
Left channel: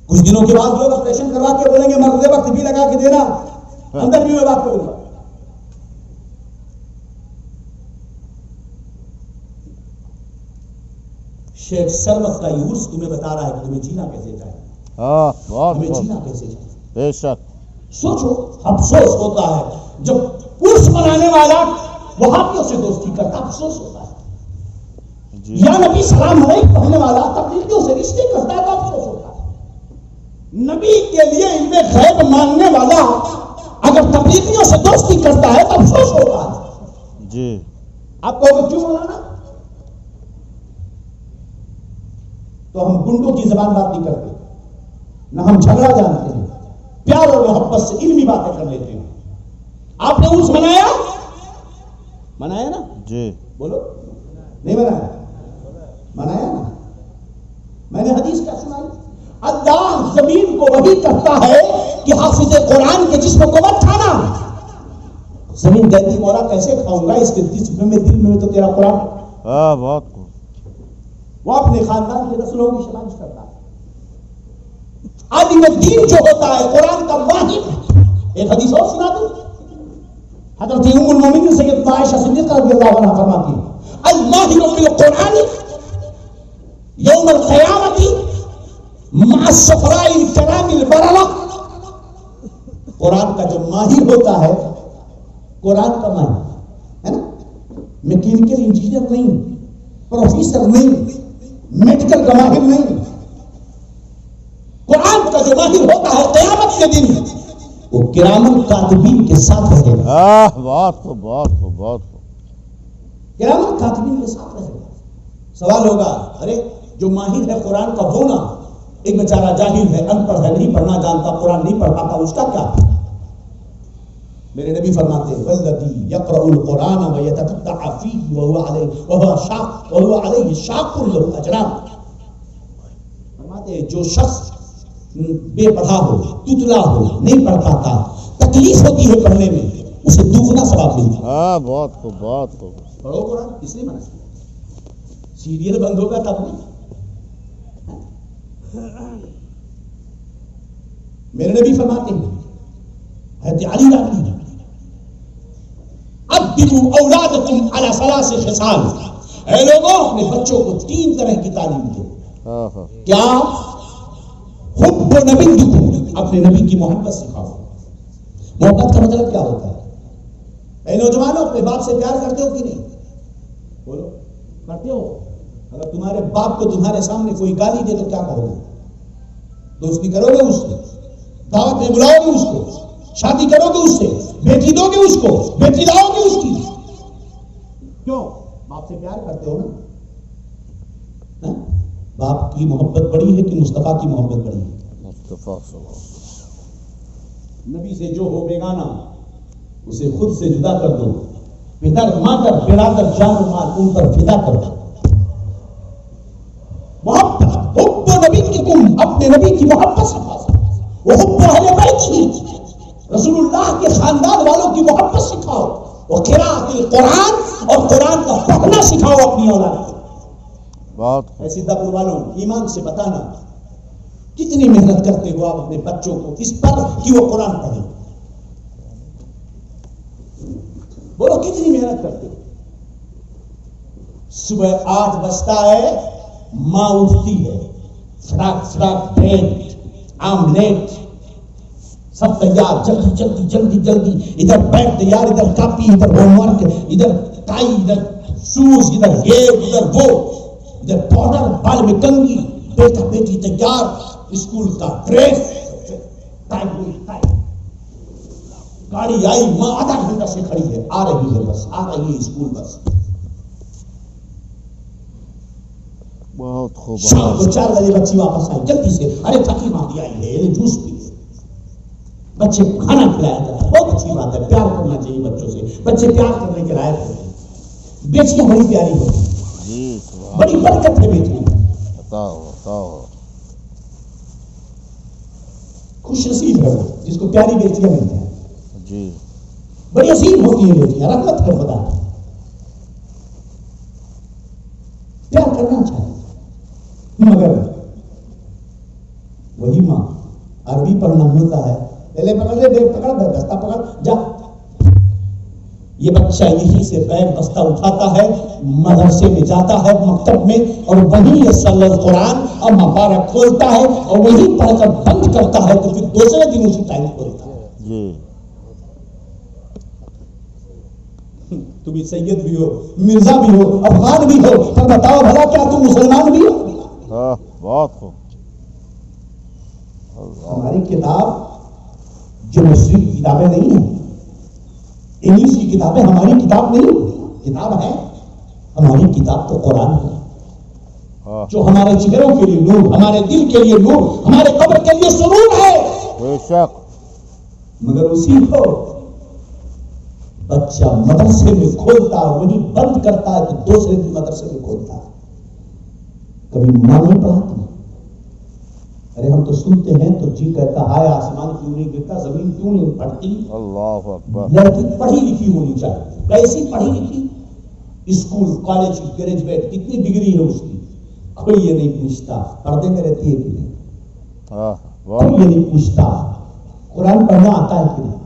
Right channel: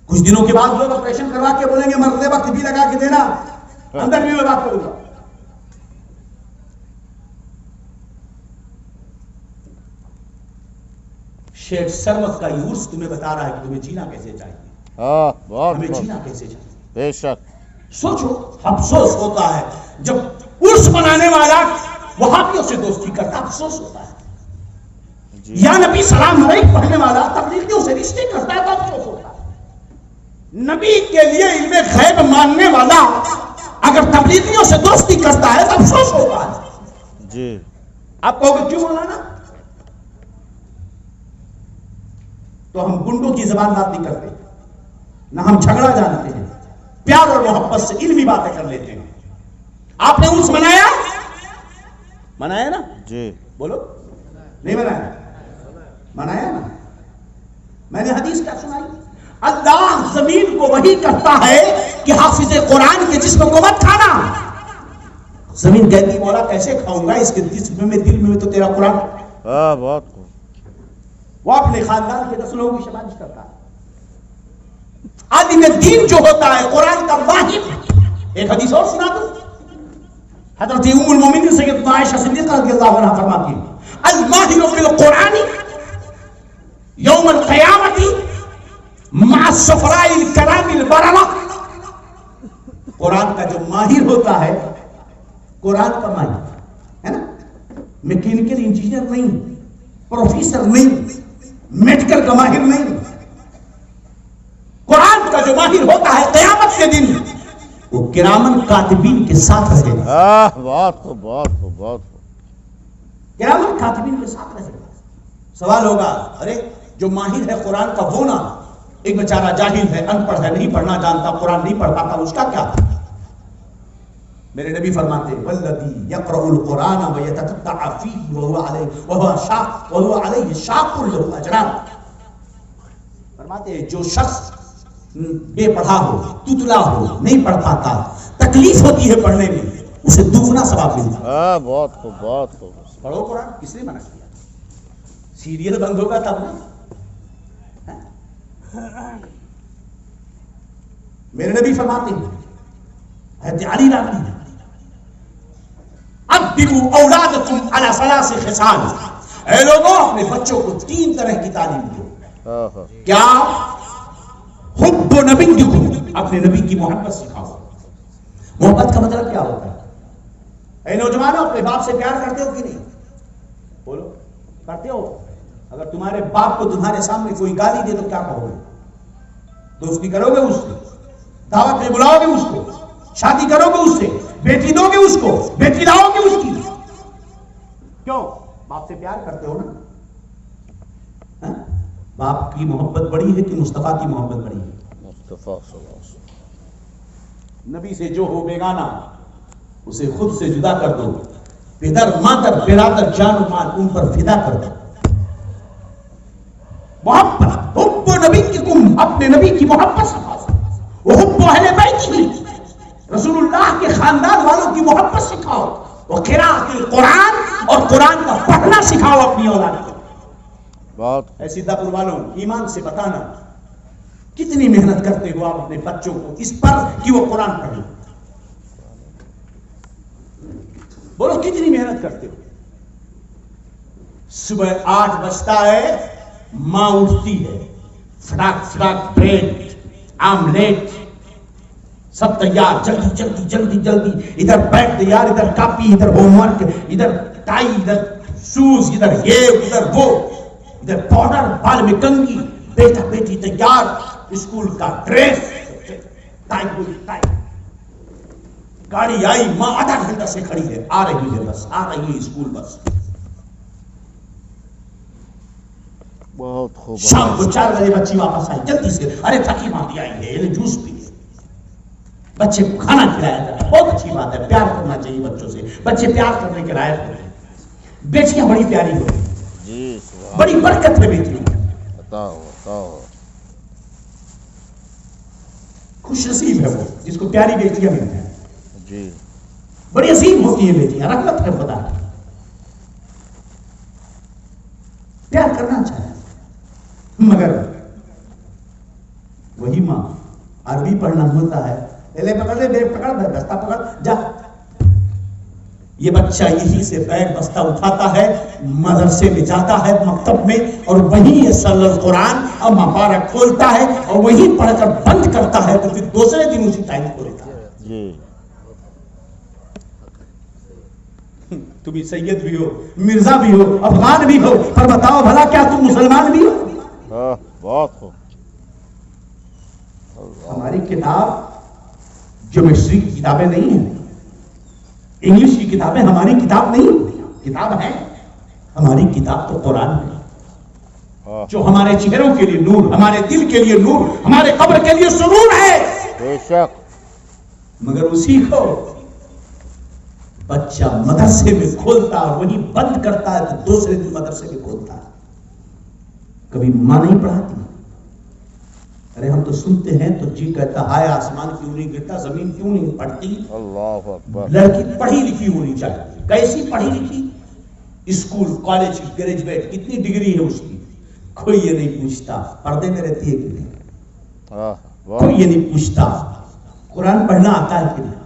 کچھ دنوں کے بعد لوگ آپریشن کروا کے بولیں گے مرتے وقت بھی لگا کے دینا، اندر بھی میں بات کروں گا. شیخ سروت کا یہ عرس تمہیں بتا رہا ہے کہ تمہیں جینا کیسے چاہیے. بہت تمہیں خوب. جینا کیسے چاہیے. بے شک. سوچو افسوس ہوتا ہے جب عرس منانے والا وہابیوں سے دوستی کرتا، افسوس ہوتا ہے. جی. یا نبی سلام علیہ پڑھنے والا تبلیغیوں سے رشتے کرتا ہے تو افسوس ہوتا ہے. نبی کے لیے علم غیب ماننے والا اگر تبلیغیوں سے دوستی کرتا ہے تو افسوس ہوتا ہے. جی. آپ کہو گے کیوں مولانا؟ تو ہم گنڈوں کی زبان بات نہیں کرتے، نہ ہم جھگڑا جانتے ہیں، پیار اور محبت سے علمی باتیں کر لیتے ہیں. آپ نے عرس منایا؟ منایا نا؟ جی. بولو نہیں منایا؟ منایا نا. میں نے حدیث کیا سنائی؟ اللہ زمین کو وحی کرتا ہے کہ حافظ قرآن کے جسم کو مت کھانا. زمین کہتی مولا کیسے کھاؤں گا، اس کے جسم میں دل میں تو تیرا قرآن. بہت خوب. وہ اپنے خاندان کے 10 لوگوں کی شمائش کرتا ہے. عالم دین جو ہوتا ہے قرآن کا واحد. ایک حدیث اور سنا دو. حضرت ام المومنین سیدتنا عائشہ صدیقہ رضی اللہ عنہا فرماتی ہیں الماہر بالقرآن یوم القیامت مع السفراء الکرام البررہ. قرآن کا جو ماہر ہوتا ہے، قرآن کا ماہر ہے نا، میکینیکل انجینئر نہیں، پروفیسر نہیں، میڈیکل کا ماہر نہیں. قرآن کا جو ماہر ہوتا ہے قیامت کے دن وہ کرامن کاتبین کے ساتھ رہے گا. بہت خوب بہت خوب بہت خوب. کرامن کاتبین کے ساتھ رہے گا. سوال ہوگا ارے جو ماہر ہے قرآن کا وہ نا، ایک بیچارہ جاہل ہے، ان پڑھ ہے، نہیں پڑھنا جانتا، قرآن نہیں پڑھ پاتا، اس کا کیا؟ میرے نبی فرماتے ہیں والذی یقرأ القرآن ویتتبع فیہ وہو علیہ شاق لہ اجران. فرماتے ہیں جو شخص بے پڑھا ہو، تتلا ہو، نہیں پڑھ پاتا، تکلیف ہوتی ہے پڑھنے میں، اسے دگنا ثواب ملتا ہے. بہت خوب بہت خوب. پڑھو قرآن. کس نے منع کیا؟ سیریل بند ہوگا تب نہیں. میرے نبی فرماتے ہیں حضرت علی راضی ہیں ادبوا اولادکم علی ثلاث خصال. اے لوگوں اپنے بچوں کو 3 طرح کی تعلیم دو. کیا؟ حب نبیکم، اپنے نبی کی محبت سکھاؤ. محبت کا مطلب کیا ہوتا ہے؟ اے نوجوانوں اپنے باپ سے پیار کرتے ہو کہ نہیں؟ بولو کرتے ہو؟ اگر تمہارے باپ کو تمہارے سامنے کوئی گالی دے تو کیا کہو گے؟ دوستی کرو گے اس سے؟ دعوت میں بلاؤ گے اس کو؟ شادی کرو گے اس سے؟ بیٹی دو گے اس کو؟ بیٹی لاؤ گے اس کی؟ کیوں؟ باپ سے پیار کرتے ہو نا؟ باپ کی محبت بڑی ہے کہ مصطفیٰ کی محبت بڑی ہے؟ مصطفیٰ صلی اللہ علیہ وسلم. نبی سے جو ہو بیگانہ اسے خود سے جدا کر دو. پدر مادر برادر جان و مال ان پر فدا کر دو. محبت حب نبی کی تم اپنے نبی کی محبت سکھاؤ. وہ حب اہل بیت کی رسول اللہ کے خاندان والوں کی محبت سکھاؤ. وہ قراءۃ القرآن اور قرآن کا پڑھنا سکھاؤ اپنی اولاد کو. بہت ایسی دبر والوں ایمان سے بتانا کتنی محنت کرتے ہو آپ اپنے بچوں کو اس پر کہ وہ قرآن پڑھیں. بولو کتنی محنت کرتے ہو؟ صبح 8 بجتا ہے ماں اٹھتی ہے، فٹاک فٹاک بریڈ آملیٹ سب تیار، جلدی جلدی جلدی جلدی، ادھر بیگ تیار، ادھر کاپی، ادھر ہوم ورک، ادھر ٹائی، ادھر شوز، ادھر یہ ادھر وہ، ادھر پاؤڈر، بال میں کنگھی، بیٹا بیٹی تیار، اسکول کا ڈریس، ٹائی. گاڑی آئی، ماں آدھا گھنٹہ سے کھڑی ہے، آ رہی ہے بس، آ رہی ہے اسکول بس. بہت خوب. شام کو 4 بجے بچی واپس آئی جلدی سے، ارے تھکی ماندی آئی ہے، یہ جوس پی. بچے کو کھانا کھلایا جاتا ہے، بہت اچھی بات ہے، پیار کرنا چاہیے بچوں سے. بچے پیار کرنے کے لائق ہوتے ہیں. بیٹیاں بڑی پیاری ہوتی ہیں، جی بڑی برکت ہے بیٹیاں. بتاؤ. خوش نصیب ہے وہ جس کو پیاری بیٹیاں ملتی ہیں. جی بڑی عظیم ہوتی ہے بیٹیاں، رحمت ہے خدا کی. پیار کرنا چاہیے. مگر وہی ماں عربی پڑھنا ہوتا ہے، لے پکڑ لے، بیگ پکڑ، بستہ پکڑ، جا. یہ بچہ یہی سے بیگ بستہ اٹھاتا ہے، مدرسے میں جاتا ہے، مکتب میں، اور وہیں یہ صلی القرآن اور مبارک کھولتا ہے اور وہیں پڑھ کر بند کرتا ہے، تو پھر دوسرے دن اسی ٹائم کھولتا ہے. جی. تم سید بھی ہو، مرزا بھی ہو، افغان بھی ہو، پر بتاؤ بھلا کیا تم مسلمان بھی ہو؟ بہت خوب. ہماری کتاب جیومیٹری کی کتابیں نہیں ہیں، انگلش کی کتابیں ہماری کتاب نہیں ہوتی. کتاب ہے ہماری کتاب تو قرآن ہے، جو ہمارے چہروں کے لیے نور، ہمارے دل کے لیے نور، ہمارے قبر کے لیے سرور ہے. بے شک. مگر اسی کو بچہ مدرسے میں کھولتا اور وہی بند کرتا ہے، تو دوسرے دن مدرسے میں کھولتا ہے. کبھی ماں نہیں پڑھاتی. ارے ہم تو سنتے ہیں تو جی کہتا ہے آسمان کیوں نہیں گرتا، زمین کیوں نہیں پڑھتی. اللہ اکبر. لڑکی پڑھی لکھی ہونی چاہیے. کیسی پڑھی لکھی؟ اسکول کالج گریجویٹ، کتنی ڈگری ہے اس کی، کوئی یہ نہیں پوچھتا پردے میں رہتی ہے کہ نہیں، کوئی یہ نہیں پوچھتا قرآن پڑھنا آتا ہے کہ نہیں،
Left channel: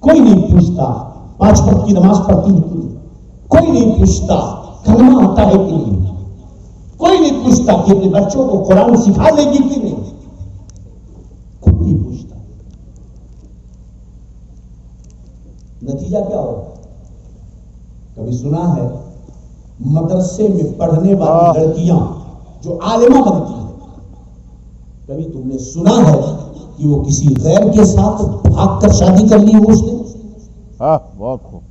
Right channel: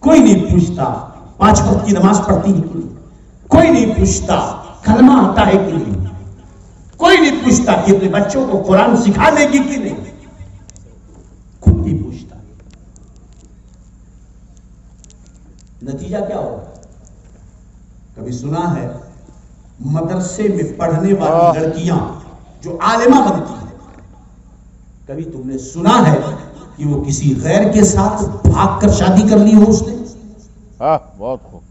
کوئی نہیں پوچھتا 5 وقت کی نماز پڑھتی ہے کہ نہیں، کوئی نہیں پوچھتا کلمہ آتا ہے کہ نہیں، کوئی نہیں پوچھتا کہ اپنے بچوں کو قرآن سکھا دے گی کہ نہیں، خود نہیں پوچھتا. نتیجہ کیا ہوگا؟ کبھی سنا ہے مدرسے میں پڑھنے والی لڑکیاں جو عالمہ بنتی ہیں، کبھی تم نے سنا ہے کہ وہ کسی غیر کے ساتھ بھاگ کر شادی کر لی ہو اس نے؟ بہت خوب.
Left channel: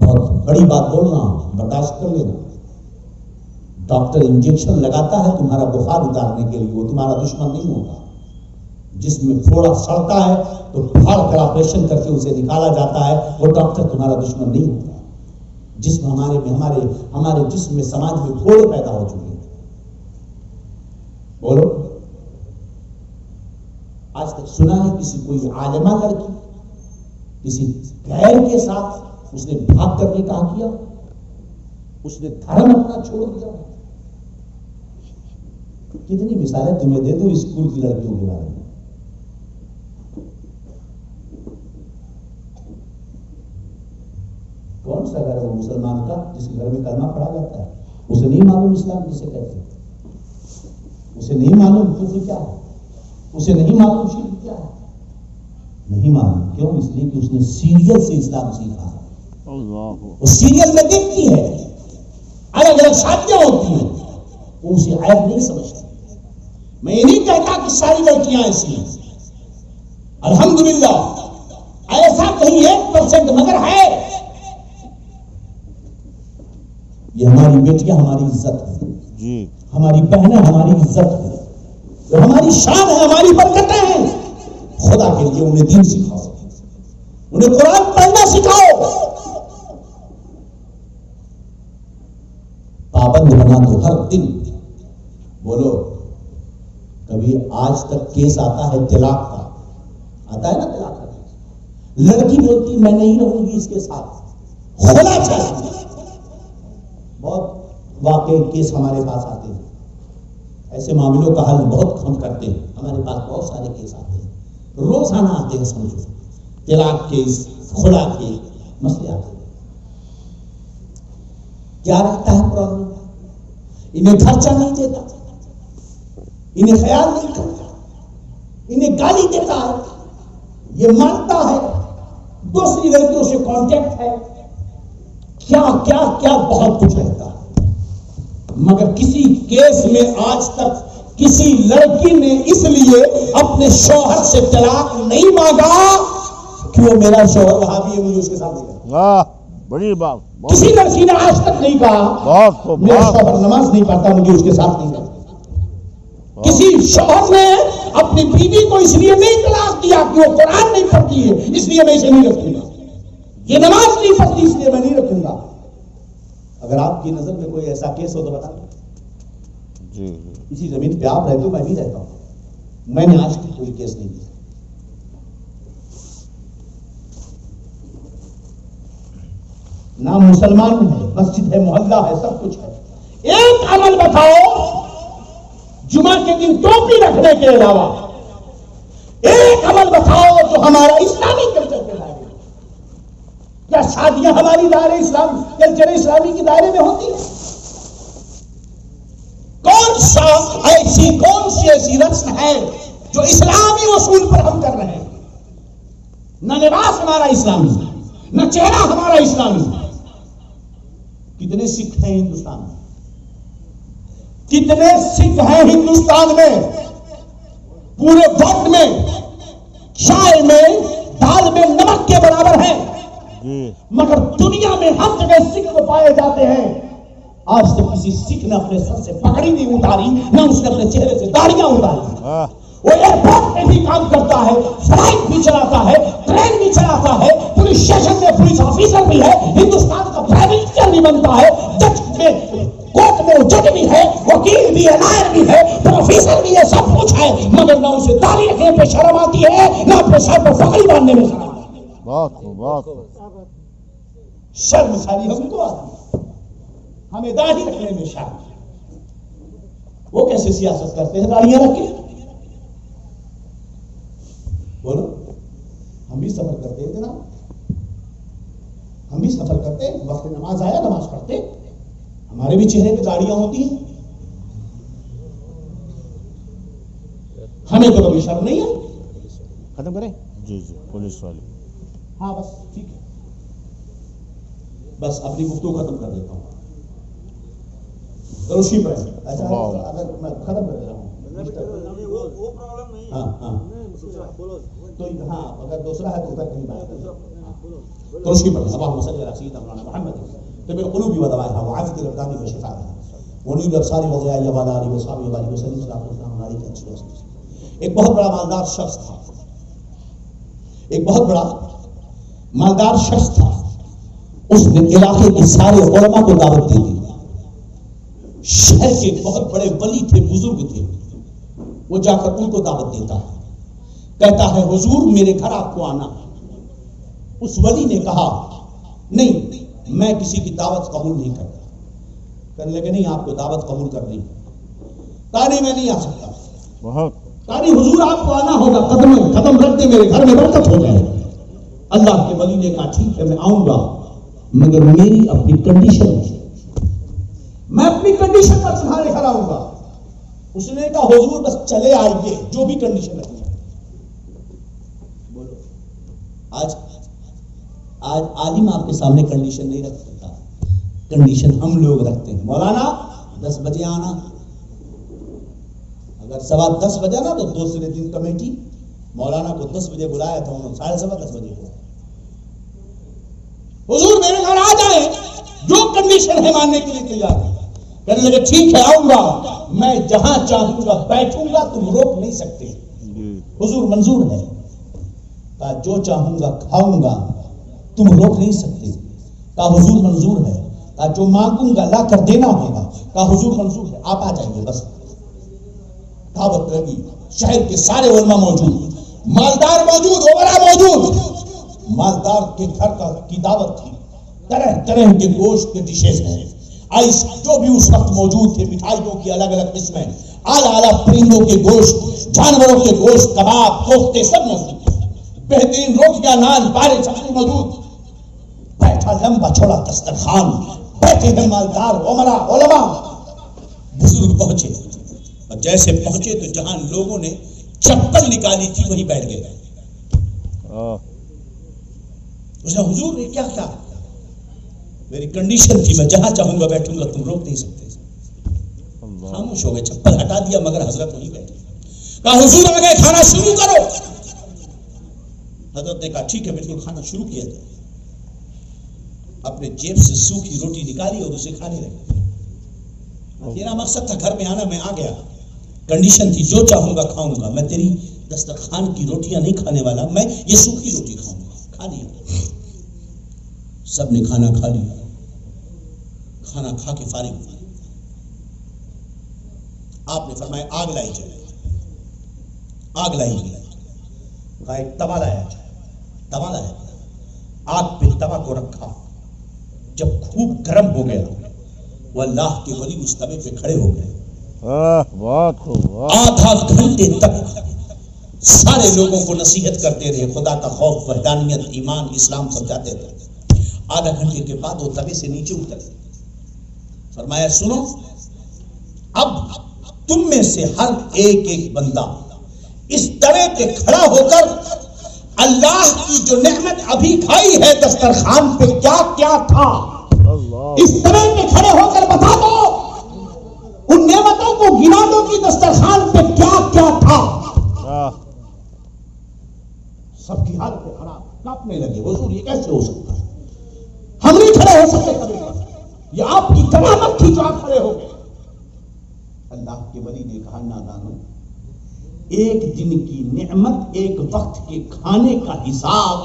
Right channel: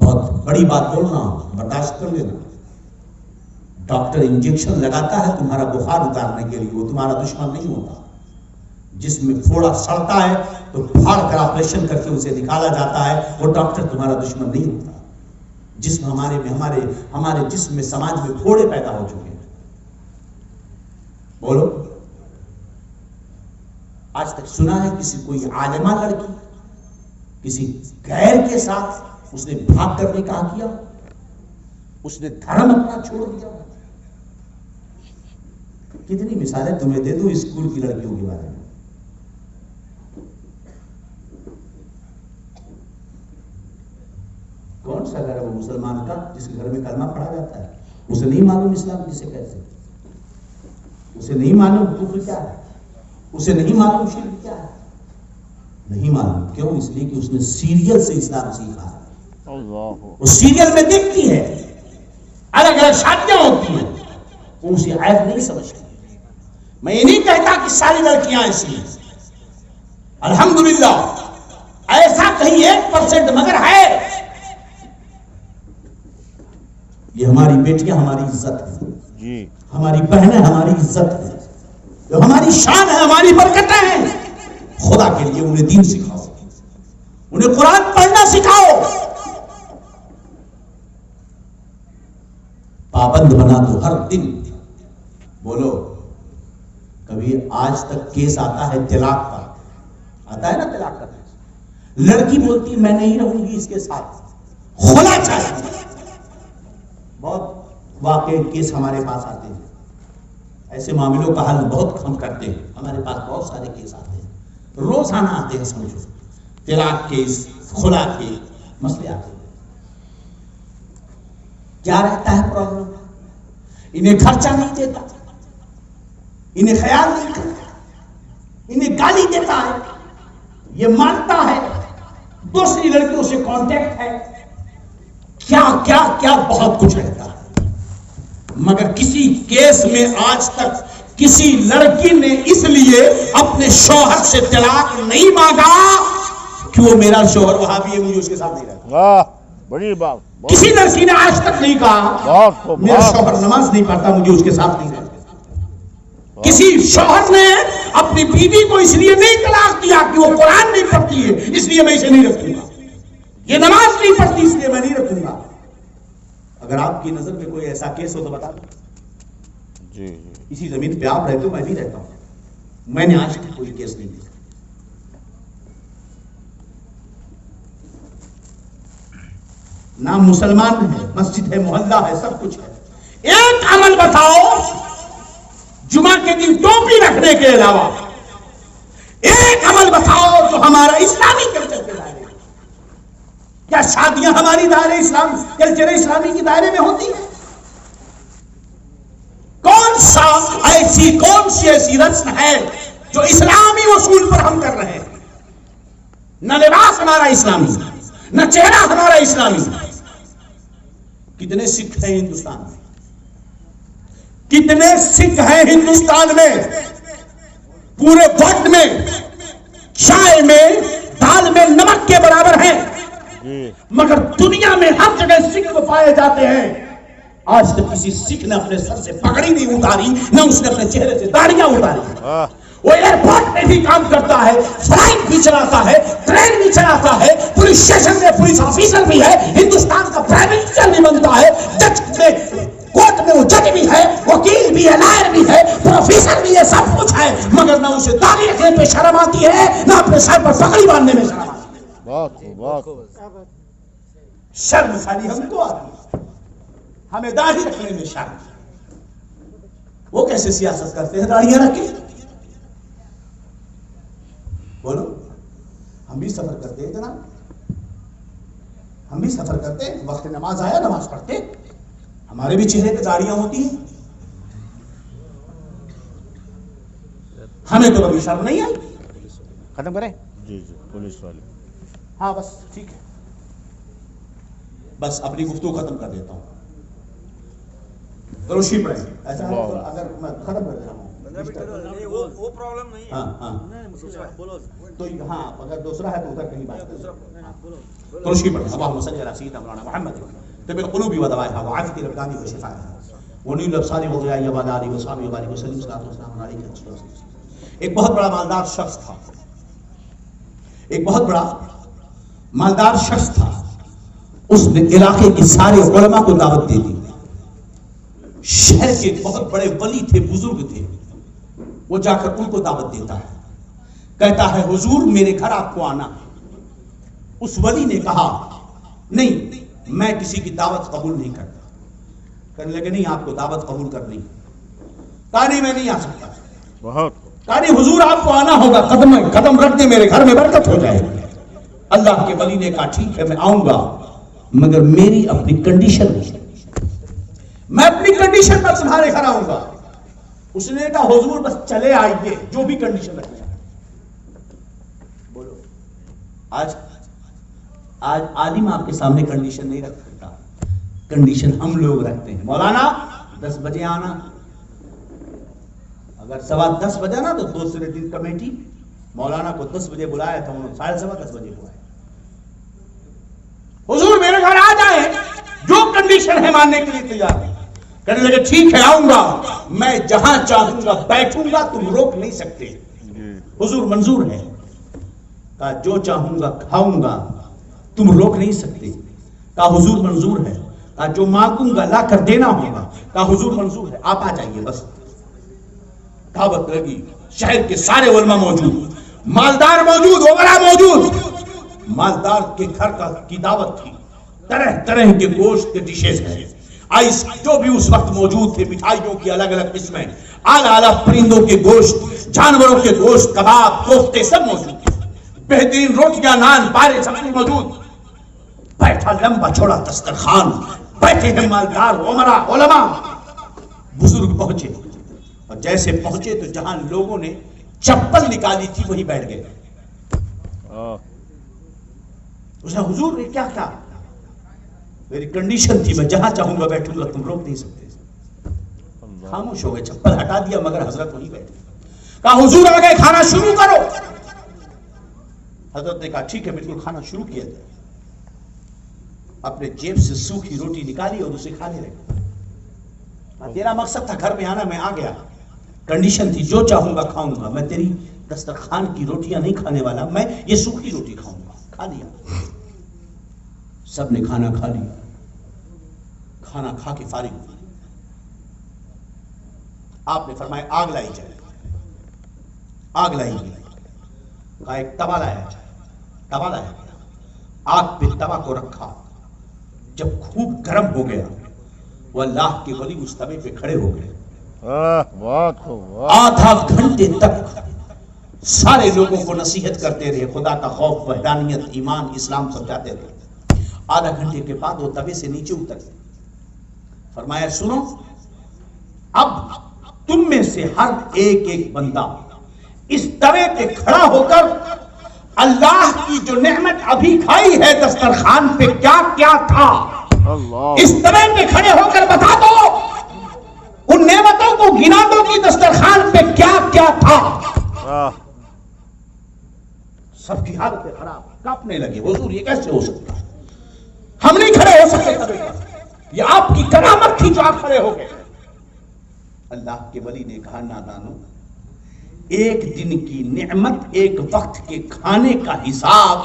بہت بڑی بات بول رہا ہوں، برداشت کر لینا. ڈاکٹر انجیکشن لگاتا ہے تمہارا بخار اتارنے کے لیے، وہ تمہارا دشمن نہیں ہوتا. جس میں پھوڑا سڑتا ہے تو پھاڑ کر آپریشن کر کے اسے نکالا جاتا ہے، وہ ڈاکٹر تمہارا دشمن نہیں ہوتا. جسم ہمارے جسم میں سماج میں پھوڑے پیدا ہو چکے ہیں. بولو آج تک سنا ہے کسی کوئی عالمہ لڑکی کسی غیر کے ساتھ اس نے بھاگ کر نکاح کیا، اس نے دھرم اپنا چھوڑ دیا؟ کتنی مثالیں تمہیں دے دوں اسکول کی لڑکیوں کے بارے میں. کون سا گھر ہے وہ مسلمان کا جس کے گھر میں کلمہ پڑھا جاتا ہے؟ اسے نہیں معلوم اسلام کسے کہتے ہیں، اسے نہیں معلوم کفر کیا ہے، اسے نہیں معلوم شرک کیا ہے. نہیں معلوم. کیوں؟ اس لیے کہ اس نے سیریل سے اسلام سیکھا ہے. وہ سیریل میں دیکھتی ہے الگ الگ شادیاں ہوتی ہیں، تو اسے عیب نہیں سمجھتے. میں یہ نہیں کہتا کہ ساری لڑکیاں ایسی ہیں، الحمدللہ ایسا کہیں 1% مگر ہے. یہ ہماری بیٹیاں ہماری عزت ہے جی، ہماری بہنیں ہماری عزت ہے، جو ہماری شان ہے، ہماری برکتیں ہیں. خدا کے لیے انہیں دین سکھاؤ، انہیں قرآن پڑھنا سکھاؤ، پابند بنا دو ہر دن. بولو کبھی آج تک کیس آتا ہے طلاق کا؟ آتا ہے نا طلاق کا کیس. لڑکی بولتی ہے میں نہیں رہوں گی اس کے ساتھ، ہونا چاہیے. بہت واقعی کیس ہمارے پاس آتے ہیں، ایسے معاملوں کا حل بہت ہم کرتے ہیں. ہمارے پاس بہت سارے کیس آتے ہیں، روزانہ آتے ہیں. سمجھو طلاق کیس، خلا کے مسئلے آتے ہیں. کیا رہتا ہے پرابلم؟ انہیں خرچہ نہیں دیتا، انہیں خیال نہیں کرتا، انہیں گالی دیتا ہے، یہ مانتا ہے، دوسری لڑکیوں سے کانٹیکٹ ہے، کیا کیا کیا بہت کچھ رہتا ہے. مگر کسی کیس میں آج تک کسی لڑکی نے اس لیے اپنے شوہر سے طلاق نہیں مانگا کہ وہ میرا شوہر وہاں بھی ہے، مجھے اس کے ساتھ نہیں رہتا. واہ بڑی بات. کسی لڑکی نے آج تک نہیں کہا بہت خوب، میرا بہت شوہر نماز نہیں پڑھتا، مجھے اس کے ساتھ نہیں رہتا. کسی شوہر نے اپنی بیوی کو اس لیے نہیں طلاق دیا کہ وہ قرآن نہیں پڑھتی ہے اس لیے میں اسے نہیں رکھوں گا، یہ نماز نہیں پڑھتی اس لیے میں نہیں رکھوں گا. اگر آپ کی نظر میں کوئی ایسا کیس ہو تو بتا. جی. اسی زمین پہ آپ رہتے ہو، میں بھی رہتا ہوں. میں نے آج تک کوئی کیس نہیں دیکھا. نام مسلمان ہے، مسجد ہے، محلہ ہے، سب کچھ ہے. ایک عمل بتاؤ جمعہ کے دن ٹوپی رکھنے کے علاوہ، ایک عمل بتاؤ جو ہمارا اسلامی کلچر کے دائرے میں. کیا شادیاں ہماری دائرے اسلام کلچر اسلامی کے دائرے میں ہوتی ہیں؟ کون سی ایسی رسم ہے جو اسلامی اصول پر ہم کر رہے ہیں؟ نہ لباس ہمارا اسلامی، نہ چہرہ ہمارا اسلامی. کتنے سکھ ہیں ہندوستان میں؟ کتنے سکھ ہیں ہندوستان میں؟ پورے وقت میں چائے میں دال میں نمک کے برابر ہیں. مگر دنیا میں ہر جگہ سکھ پائے جاتے ہیں. آج تک کسی سکھ نے اپنے سر سے پگڑی نہیں اتاری، نہ اس نے اپنے چہرے سے داڑیاں اتاری. وہ ایئرپورٹ میں بھی کام کرتا ہے، فلائٹ بھی چلاتا ہے، ٹرین بھی چلاتا ہے، پولیس اسٹیشن میں پولیس آفیسر بھی ہے، ہندوستان کا پرائم منسٹر بھی بنتا ہے، جج میں کورٹ میں جج بھی ہے، وکیل بھی ہے، لائر بھی ہے، پروفیسر بھی ہے، سب کچھ ہے. مگر نہ اسے داڑھی رکھنے پہ شرم آتی ہے، نہ اپنے سر پر پگڑی باندھنے میں شرم آتی ہے. بہت خوب، بہت خوب. شرم ساری ہم کو آتی ہے، ہمیں داڑھی رکھنے میں شرم. وہ کیسے سیاست کرتے ہیں داڑھیاں رکھ کے؟ بولو ہم بھی سفر کرتے ہیں جناب، ہم بھی سفر کرتے ہیں. وقت نماز آیا نماز پڑھتے، ہمارے بھی چہرے پہ داڑیاں ہوتی ہیں. ہمیں تو کبھی شرم نہیں آئی. ختم کریں؟ جی پولیس والے. ہاں بس ٹھیک ہے، بس اپنی گفتگو ختم کر دیتا ہوں. روشی پڑے ایسا اگر میں ختم کر دے رہا ہوں وہ پرابلم نہیں. ہاں ہاں تو ہاں اگر دوسرا ہے تو ادھر کہیں بات کریں. روشی پڑے اللهم صل على سيدنا مولانا محمد طب القلوب ودوائها وعافية الابدان وشفائها ونور الابصار وضيائها وعلى اله وصحبه وبارك وسلم صلاه والسلام عليك. ایک بہت بڑا مالدار شخص تھا، ایک بہت بڑا مالدار شخص تھا. اس نے علاقے کے سارے علماء کو دعوت دے دی. شہر کے بہت بڑے ولی تھے، بزرگ تھے. وہ جا کر ان کو دعوت دیتا ہے، کہتا ہے حضور میرے گھر آپ کو آنا. اس ولی نے کہا نہیں میں کسی کی دعوت قبول نہیں کرتا. کہنے لگے نہیں آپ کو دعوت قبول کرنی. کہا نہیں میں نہیں آ سکتا. کہا نہیں حضور آپ کو آنا ہوگا، قدم رکھ دے میرے گھر میں برکت ہو جائے. اللہ کے ولی نے کہا ٹھیک ہے میں آؤں گا، مگر میری اپنی کنڈیشن ہے، میں اپنی کنڈیشن پر تمہارے گھر آؤں گا. اس نے کہا حضور بس چلے آئیے جو بھی کنڈیشن رکھی. بولو آج عالم آپ کے سامنے کنڈیشن نہیں رکھ سکتا، کنڈیشن ہم لوگ رکھتے ہیں. مولانا 10 بجے آنا، اگر 10:15 بجا نا تو دوسرے دن کمیٹی مولانا کو 10 بجے بلایا تھا، انہوں نے 10:30 بجے بلایا. حضور میرے گھر آ جائیں، جو کنڈیشن ہے ماننے کے لیے تیار ہے. کہنے لگے ٹھیک ہے آؤں گا، میں جہاں چاہوں گا بیٹھوں گا، تم روک نہیں سکتے. حضور منظور ہے. کہا جو چاہوں گا کھاؤں گا، تم روک نہیں سکتے. کہا حضور منظور ہے. کہا جو مانگوں گا لا کر دینا ہوگا. کہا حضور منظور ہے، آپ آ جائیے بس. دعوت لگی، شہر کے سارے علماء موجود، مالدار موجود، امراء موجود. مالدار کے گھر کی دعوت تھی، طرح طرح کے گوشت کے ڈشز ہیں. آئس جو بھی اس وقت موجود تھے، مٹھائیوں کی الگ الگ قسمیں، اعلیٰ اعلیٰ پرندوں کے گوشت، جانوروں کے گوشت، کباب، کوفتے سب موجود تھے. بہترین روٹیاں، نان، پارے سب کچھ موجود. بیٹھا لمبا چھوڑا دسترخوان، بیٹھے ہیں مالدار، امراء، علماء. بزرگ پہنچے اور جیسے پہنچے تو جہاں لوگوں نے چپل نکالی تھی وہی بیٹھ گئے. اس نے حضور نے کیا کہا؟ میری کنڈیشن تھی، میں جہاں چاہوں گا بیٹھوں گا، تم روک نہیں سکتے. خاموش ہو گئے، چپل ہٹا دیا، مگر حضرت وہی بیٹھے. کہا حضور آ گئے، کھانا شروع کرو. حضرت نے کہا ٹھیک ہے، بالکل کھانا شروع کیا جائے. اپنے جیب سے سوکھی روٹی نکالی اور اسے کھانے لگے. میرا مقصد تھا گھر میں آنا، میں آ گیا. کنڈیشن تھی جو چاہوں گا کھاؤں گا، میں تیری دسترخوان کی روٹیاں نہیں کھانے والا، میں یہ سوکھی روٹی کھاؤں گا. کھا لیا، سب نے کھانا کھا لیا. کھانا کھا کے فارغ ہوئے. آپ نے فرمایا آگ لائی جائے. آگ لائی گئی. کہا ایک توا لایا جائے. توا لایا گیا. آگ پہ توا کو رکھا. جب خوب گرم ہو گیا، وہ اللہ کے ولی اس توے پہ کھڑے ہو گئے. بہت خوب. آدھا گھنٹے تک سارے لوگوں کو نصیحت کرتے رہے، خدا کا خوف، وحدانیت، ایمان، اسلام سمجھاتے رہے. آدھا گھنٹے کے بعد وہ توے سے نیچے اتر. فرمایا سنو، اب تم میں سے ہر ایک ایک بندہ اس توے پہ کھڑا ہو کر اللہ کی جو نعمت ابھی کھائی ہے دسترخوان پہ کیا کیا تھا، اس توے پہ کھڑے ہو کر بتا دو. ان نعمتوں کو گنا دو کہ دسترخوان پہ کیا کیا تھا. سب کی حالت خراب، کانپنے لگے. حضور یہ کیسے ہو سکتا؟ ہم نہیں کھڑے ہو سکتے، یہ آپ کی کرامت تھی جو آپ کھڑے ہو گئے. اللہ کے ولی نے کہا نادانو، ایک دن کی نعمت، ایک وقت کے کھانے کا حساب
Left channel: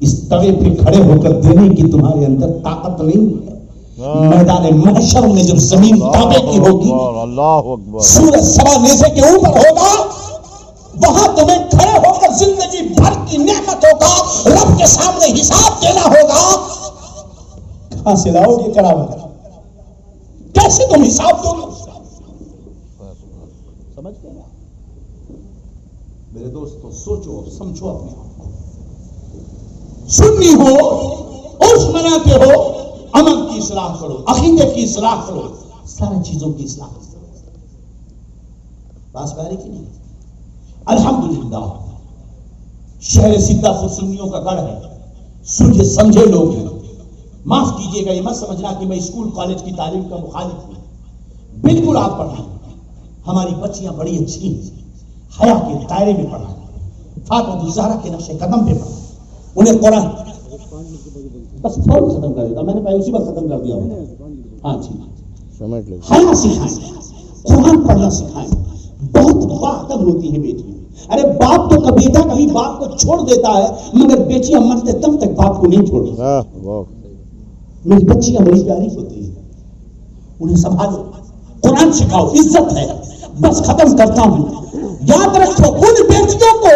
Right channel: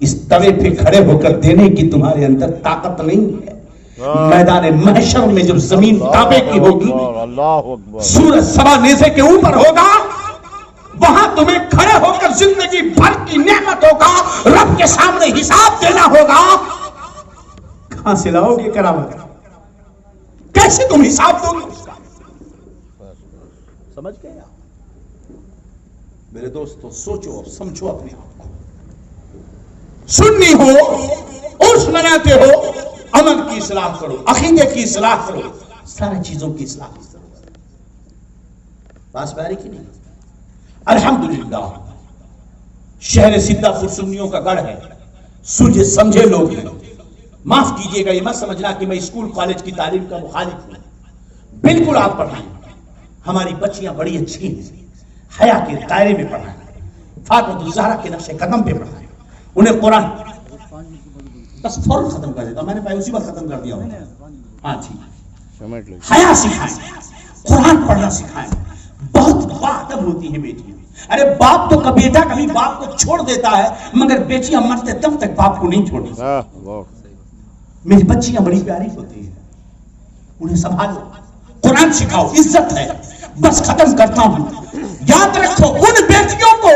اس توے پہ کھڑے ہو کر دینے کی تمہارے اندر طاقت نہیں ہے. میدان محشر میں جب زمین تابے کی ہوگی، سورج سوا نیزے کے اوپر ہوگا، وہاں تمہیں کھڑے ہو کر زندگی بھر کی نعمتوں کا رب کے سامنے حساب دینا ہوگا. کہاں سے لاؤ گے کرامت؟ کیسے تم حساب دو گے؟ سمجھ گئے میرے دوستو؟ سوچو اور سمجھو اپنے آپ کو. سنی ہو، عرس مناتے ہو، عمل کی اصلاح کرو، عقیدے کی اصلاح کرو، ساری چیزوں کی اصلاح کرو. بات پیاری کی نہیں؟ الحمدللہ شہر سدھا پور سنیوں کا گڑھ ہے، سوچے سمجھے لوگ ہیں. معاف کیجئے گا، یہ مت سمجھنا کہ میں اسکول کالج کی تعلیم کا مخالف ہوں. بالکل آپ پڑھائیں، ہماری بچیاں بڑی اچھی ہیں، حیا کے دائرے میں پڑھائیں، فاطمہ الزہرا کے نقش قدم پہ پڑھائیں، انہیں قرآن بس فوراً ختم کر دیتا، میں نے پہلے اسی وقت ختم کر دیا ہوں. ہاں ٹھیک، حیا سکھائیں، قرآن پڑھنا سکھائیں. بہت باادب ہوتی ہے بیٹی. ارے باپ تو بیٹا کبھی باپ کو چھوڑ دیتا ہے، مگر بیٹیاں مرتے دم تک باپ کو نہیں چھوڑتی. میری بچیاں بڑی پیاری ہوتی ہیں، انہیں سنبھالو، قرآن سکھاؤ، عزت ہے. بس ختم کرتا ہوں، یاد رکھو ان بیٹیوں کو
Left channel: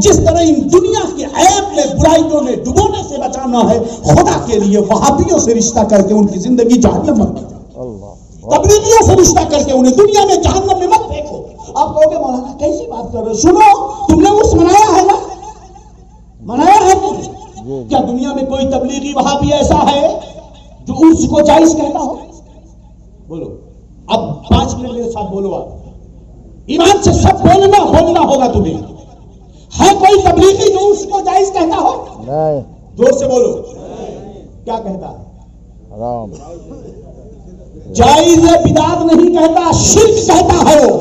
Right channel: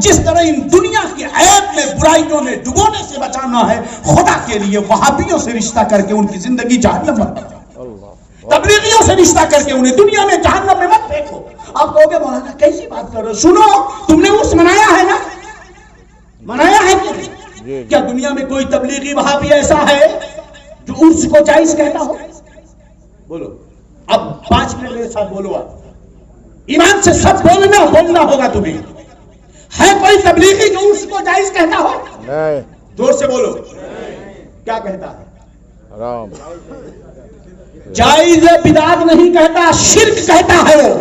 جس طرح ان دنیا کی عیب میں برائیوں میں ڈبونے سے بچانا ہے، خدا کے لیے وہابیوں سے رشتہ کر کے ان کی زندگی جہنم میں مت پھینکو، تبلیغیوں سے رشتہ کر کے انہیں دنیا میں جہنم میں مت پھینکو. آپ کہو گے مولانا کیسی بات کر رہے ہو؟ سنو، تم نے عرس منایا ہے نا؟ منایا ہے کیا دنیا میں کوئی تبلیغی وہابی ایسا ہے جو عرس کو جائز کہتا ہو؟ بولو. اب 5 منٹ میرے ساتھ بولو. آپ ایمان سے سب بولنا ہوگا تمہیں. ہے کوئی تبلیغی جو عرس کو جائز کہتا ہو؟ نہیں. زور سے بولو. کیا کہتا ہے؟ حرام. جائز بدعت نہیں کہتا، شرک کہتا ہے. وہ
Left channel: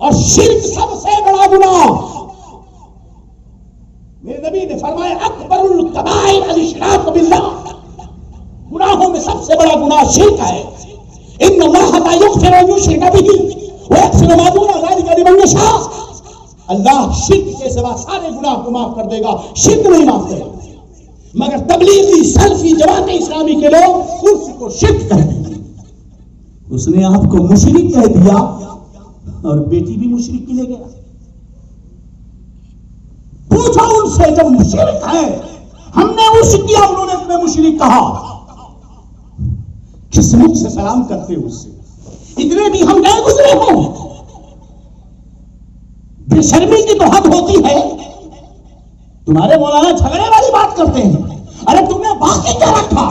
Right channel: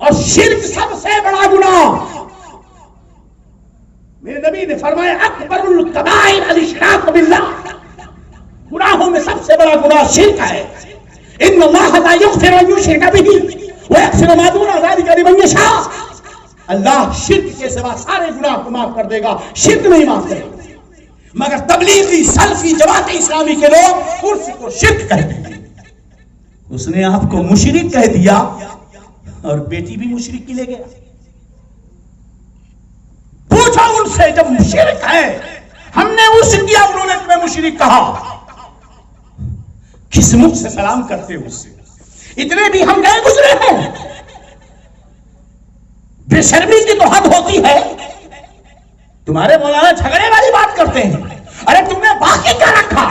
اور شرک سب سے بڑا گناہ. میرے نبی نے فرمایا اکبر الکبائر الاشراک باللہ، گناہوں میں سب سے بڑا گناہ شرک ہے. ان اللہ لا یغفر ان یشرک بہ ویغفر ما دون ذلک لمن یشاء. اللہ شرک کے سوا سارے گناہ کو معاف کر دے گا، شرک نہیں معاف کرے گا. مگر تبلیغی سلفی جماعت اسلامی کے لوگ اس کو شرک کہتے ہیں. اس نے آپ کو مشرک کہہ دیا اور بیٹی بھی مشرک کی لے گیا. پوچھو ان سے جب مشرک ہے ہم نے اس کیا، انہوں نے تمہیں مشرک کہا، کس منہ سے سلام کرتے ہو اس سے؟ اتنے بھی ہم گئے گزرے ہیں. بے شرمی کی تو حد ہوتی ہے. تمہارے مولانا جھگڑے والی بات کرتے ہیں. ارے تم نے باقی کیا رکھا؟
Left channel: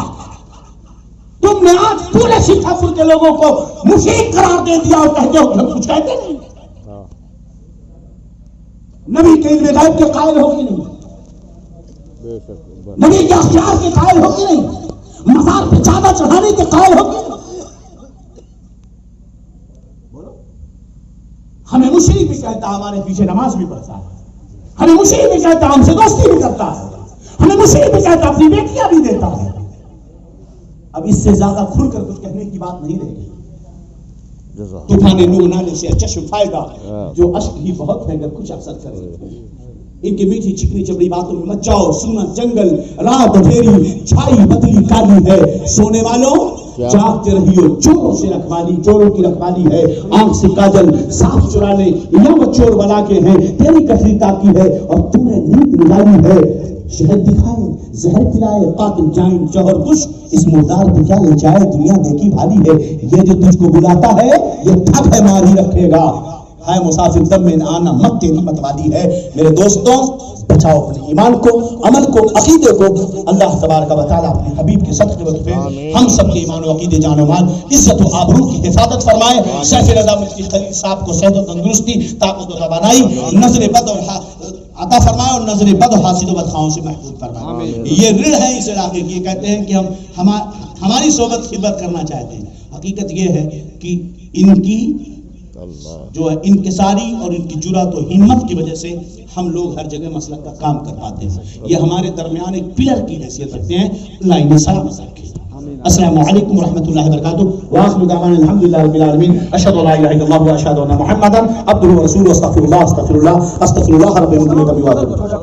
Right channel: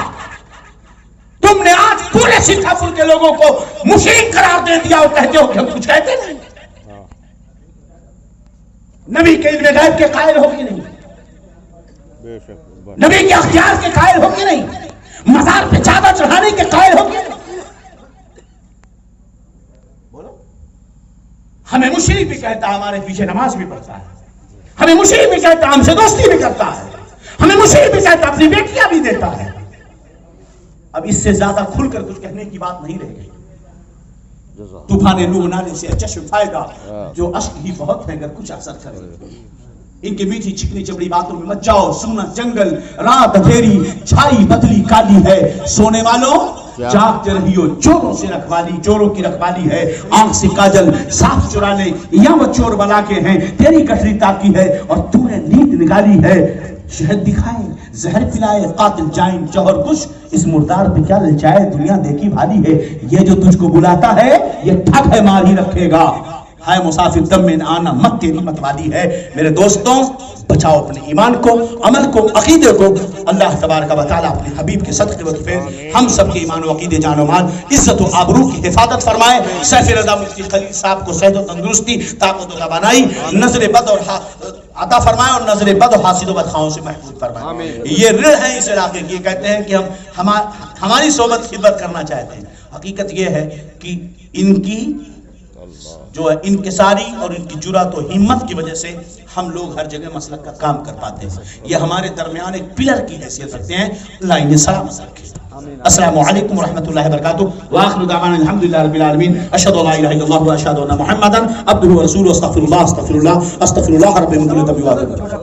تم نے آج پورے سکھافل کے لوگوں کو مشرک قرار دے دیا اور کہتے ہو کہ ہم کچھ کہتے نہیں. نبی کے علم غیب کے قائل ہو کہ نہیں؟ نبی کے اختیار کے قائل ہو کہ نہیں؟ مزار پہ چادر چڑھانے کے قائل ہو کہ نہیں؟ ہمیں مشرک بھی کہتا ہے، ہمارے پیچھے نماز بھی پڑھتا ہے. ہمیں مشرک بھی کہتا ہے، ہم سے دوستی بھی کرتا ہے. ہمیں مشرک بھی کہتا ہے، اپنی بیٹیاں بھی دیتا ہے. اب اس سے زیادہ کھل کر کچھ کہنے کی بات نہیں رہ گئی. طوفان نوح نالے سے چشم فائدہ جو اشک ہی بہت ہے اگر کچھ اثر کرے. ان کی میٹھی چکنی چمڑی باتوں میں مت جاؤ. سونا جنگل، رات اندھیری، چھائی بدلی کالی ہے. سونے والوں جاگتے رہیو، چوروں سے رکھوالی، چوروں کی رکھوالی ہے. آنکھ سے کاجل صاف چرا لے، یا وہ چور بنا کے ہیں، تیری کٹری تاکی ہے اور تو نے نیند نگالی ہے. شہد دکھائے، زہر پلائے، قاتل جائیں جوہر کش، اس مردار پہ کیا للچائے، دنیا دیکھی بھالی ہے. یہ جو تجھ کو بلاتا ہے یہ ٹھگ ہے، مار ہی رکھے گا. ہائے مسافر دم میں نہ آنا، مت تیری مت والی ہے. میرے دوستوں بچاؤ اپنے ایمان کو، عمل کو، عقیدے کو. اللہ تبارک و تعالیٰ اپنے حبیب کے صدقے وقفے ہم سب کے ایمان و عقیدے جان و مان، عزت و آبرو کی حفاظت فرمائے. سیف رضا مفتی خلیل صاحب کو صحت و تندرستی، طاقت و توانائی، نظر بد اور عطا فرمائے اور نظر بد و حاسد و بدخواہوں سے محفوظ فرمائے. یہ رڑ ہے اس علاقے کی. کہتے ہیں کہ ہم ہماری صحبت خدمت کرنا چاہتے ہیں. حقیقت یہ ہے کہ ان کی جو ہے انکساری اور ان کی جرات و ہمت کی وجہ سے ہم لوگ ہر جگہ مسلک کا کام کر پاتے ہیں. یہ ہمارے درمیان ایک پلر کی حیثیت رکھتے ہیں. اللہ انہیں سلامت رکھے. السلام علیکم ورحمۃ اللہ وبرکاتہ. وآخر دعوانا الحمدللہ رب العالمین. اشہد ان لا الہ الا اللہ واشہد ان محمدا عبدہ ورسولہ. استغفر اللہ رب من کل ذنب واتوب الیہ.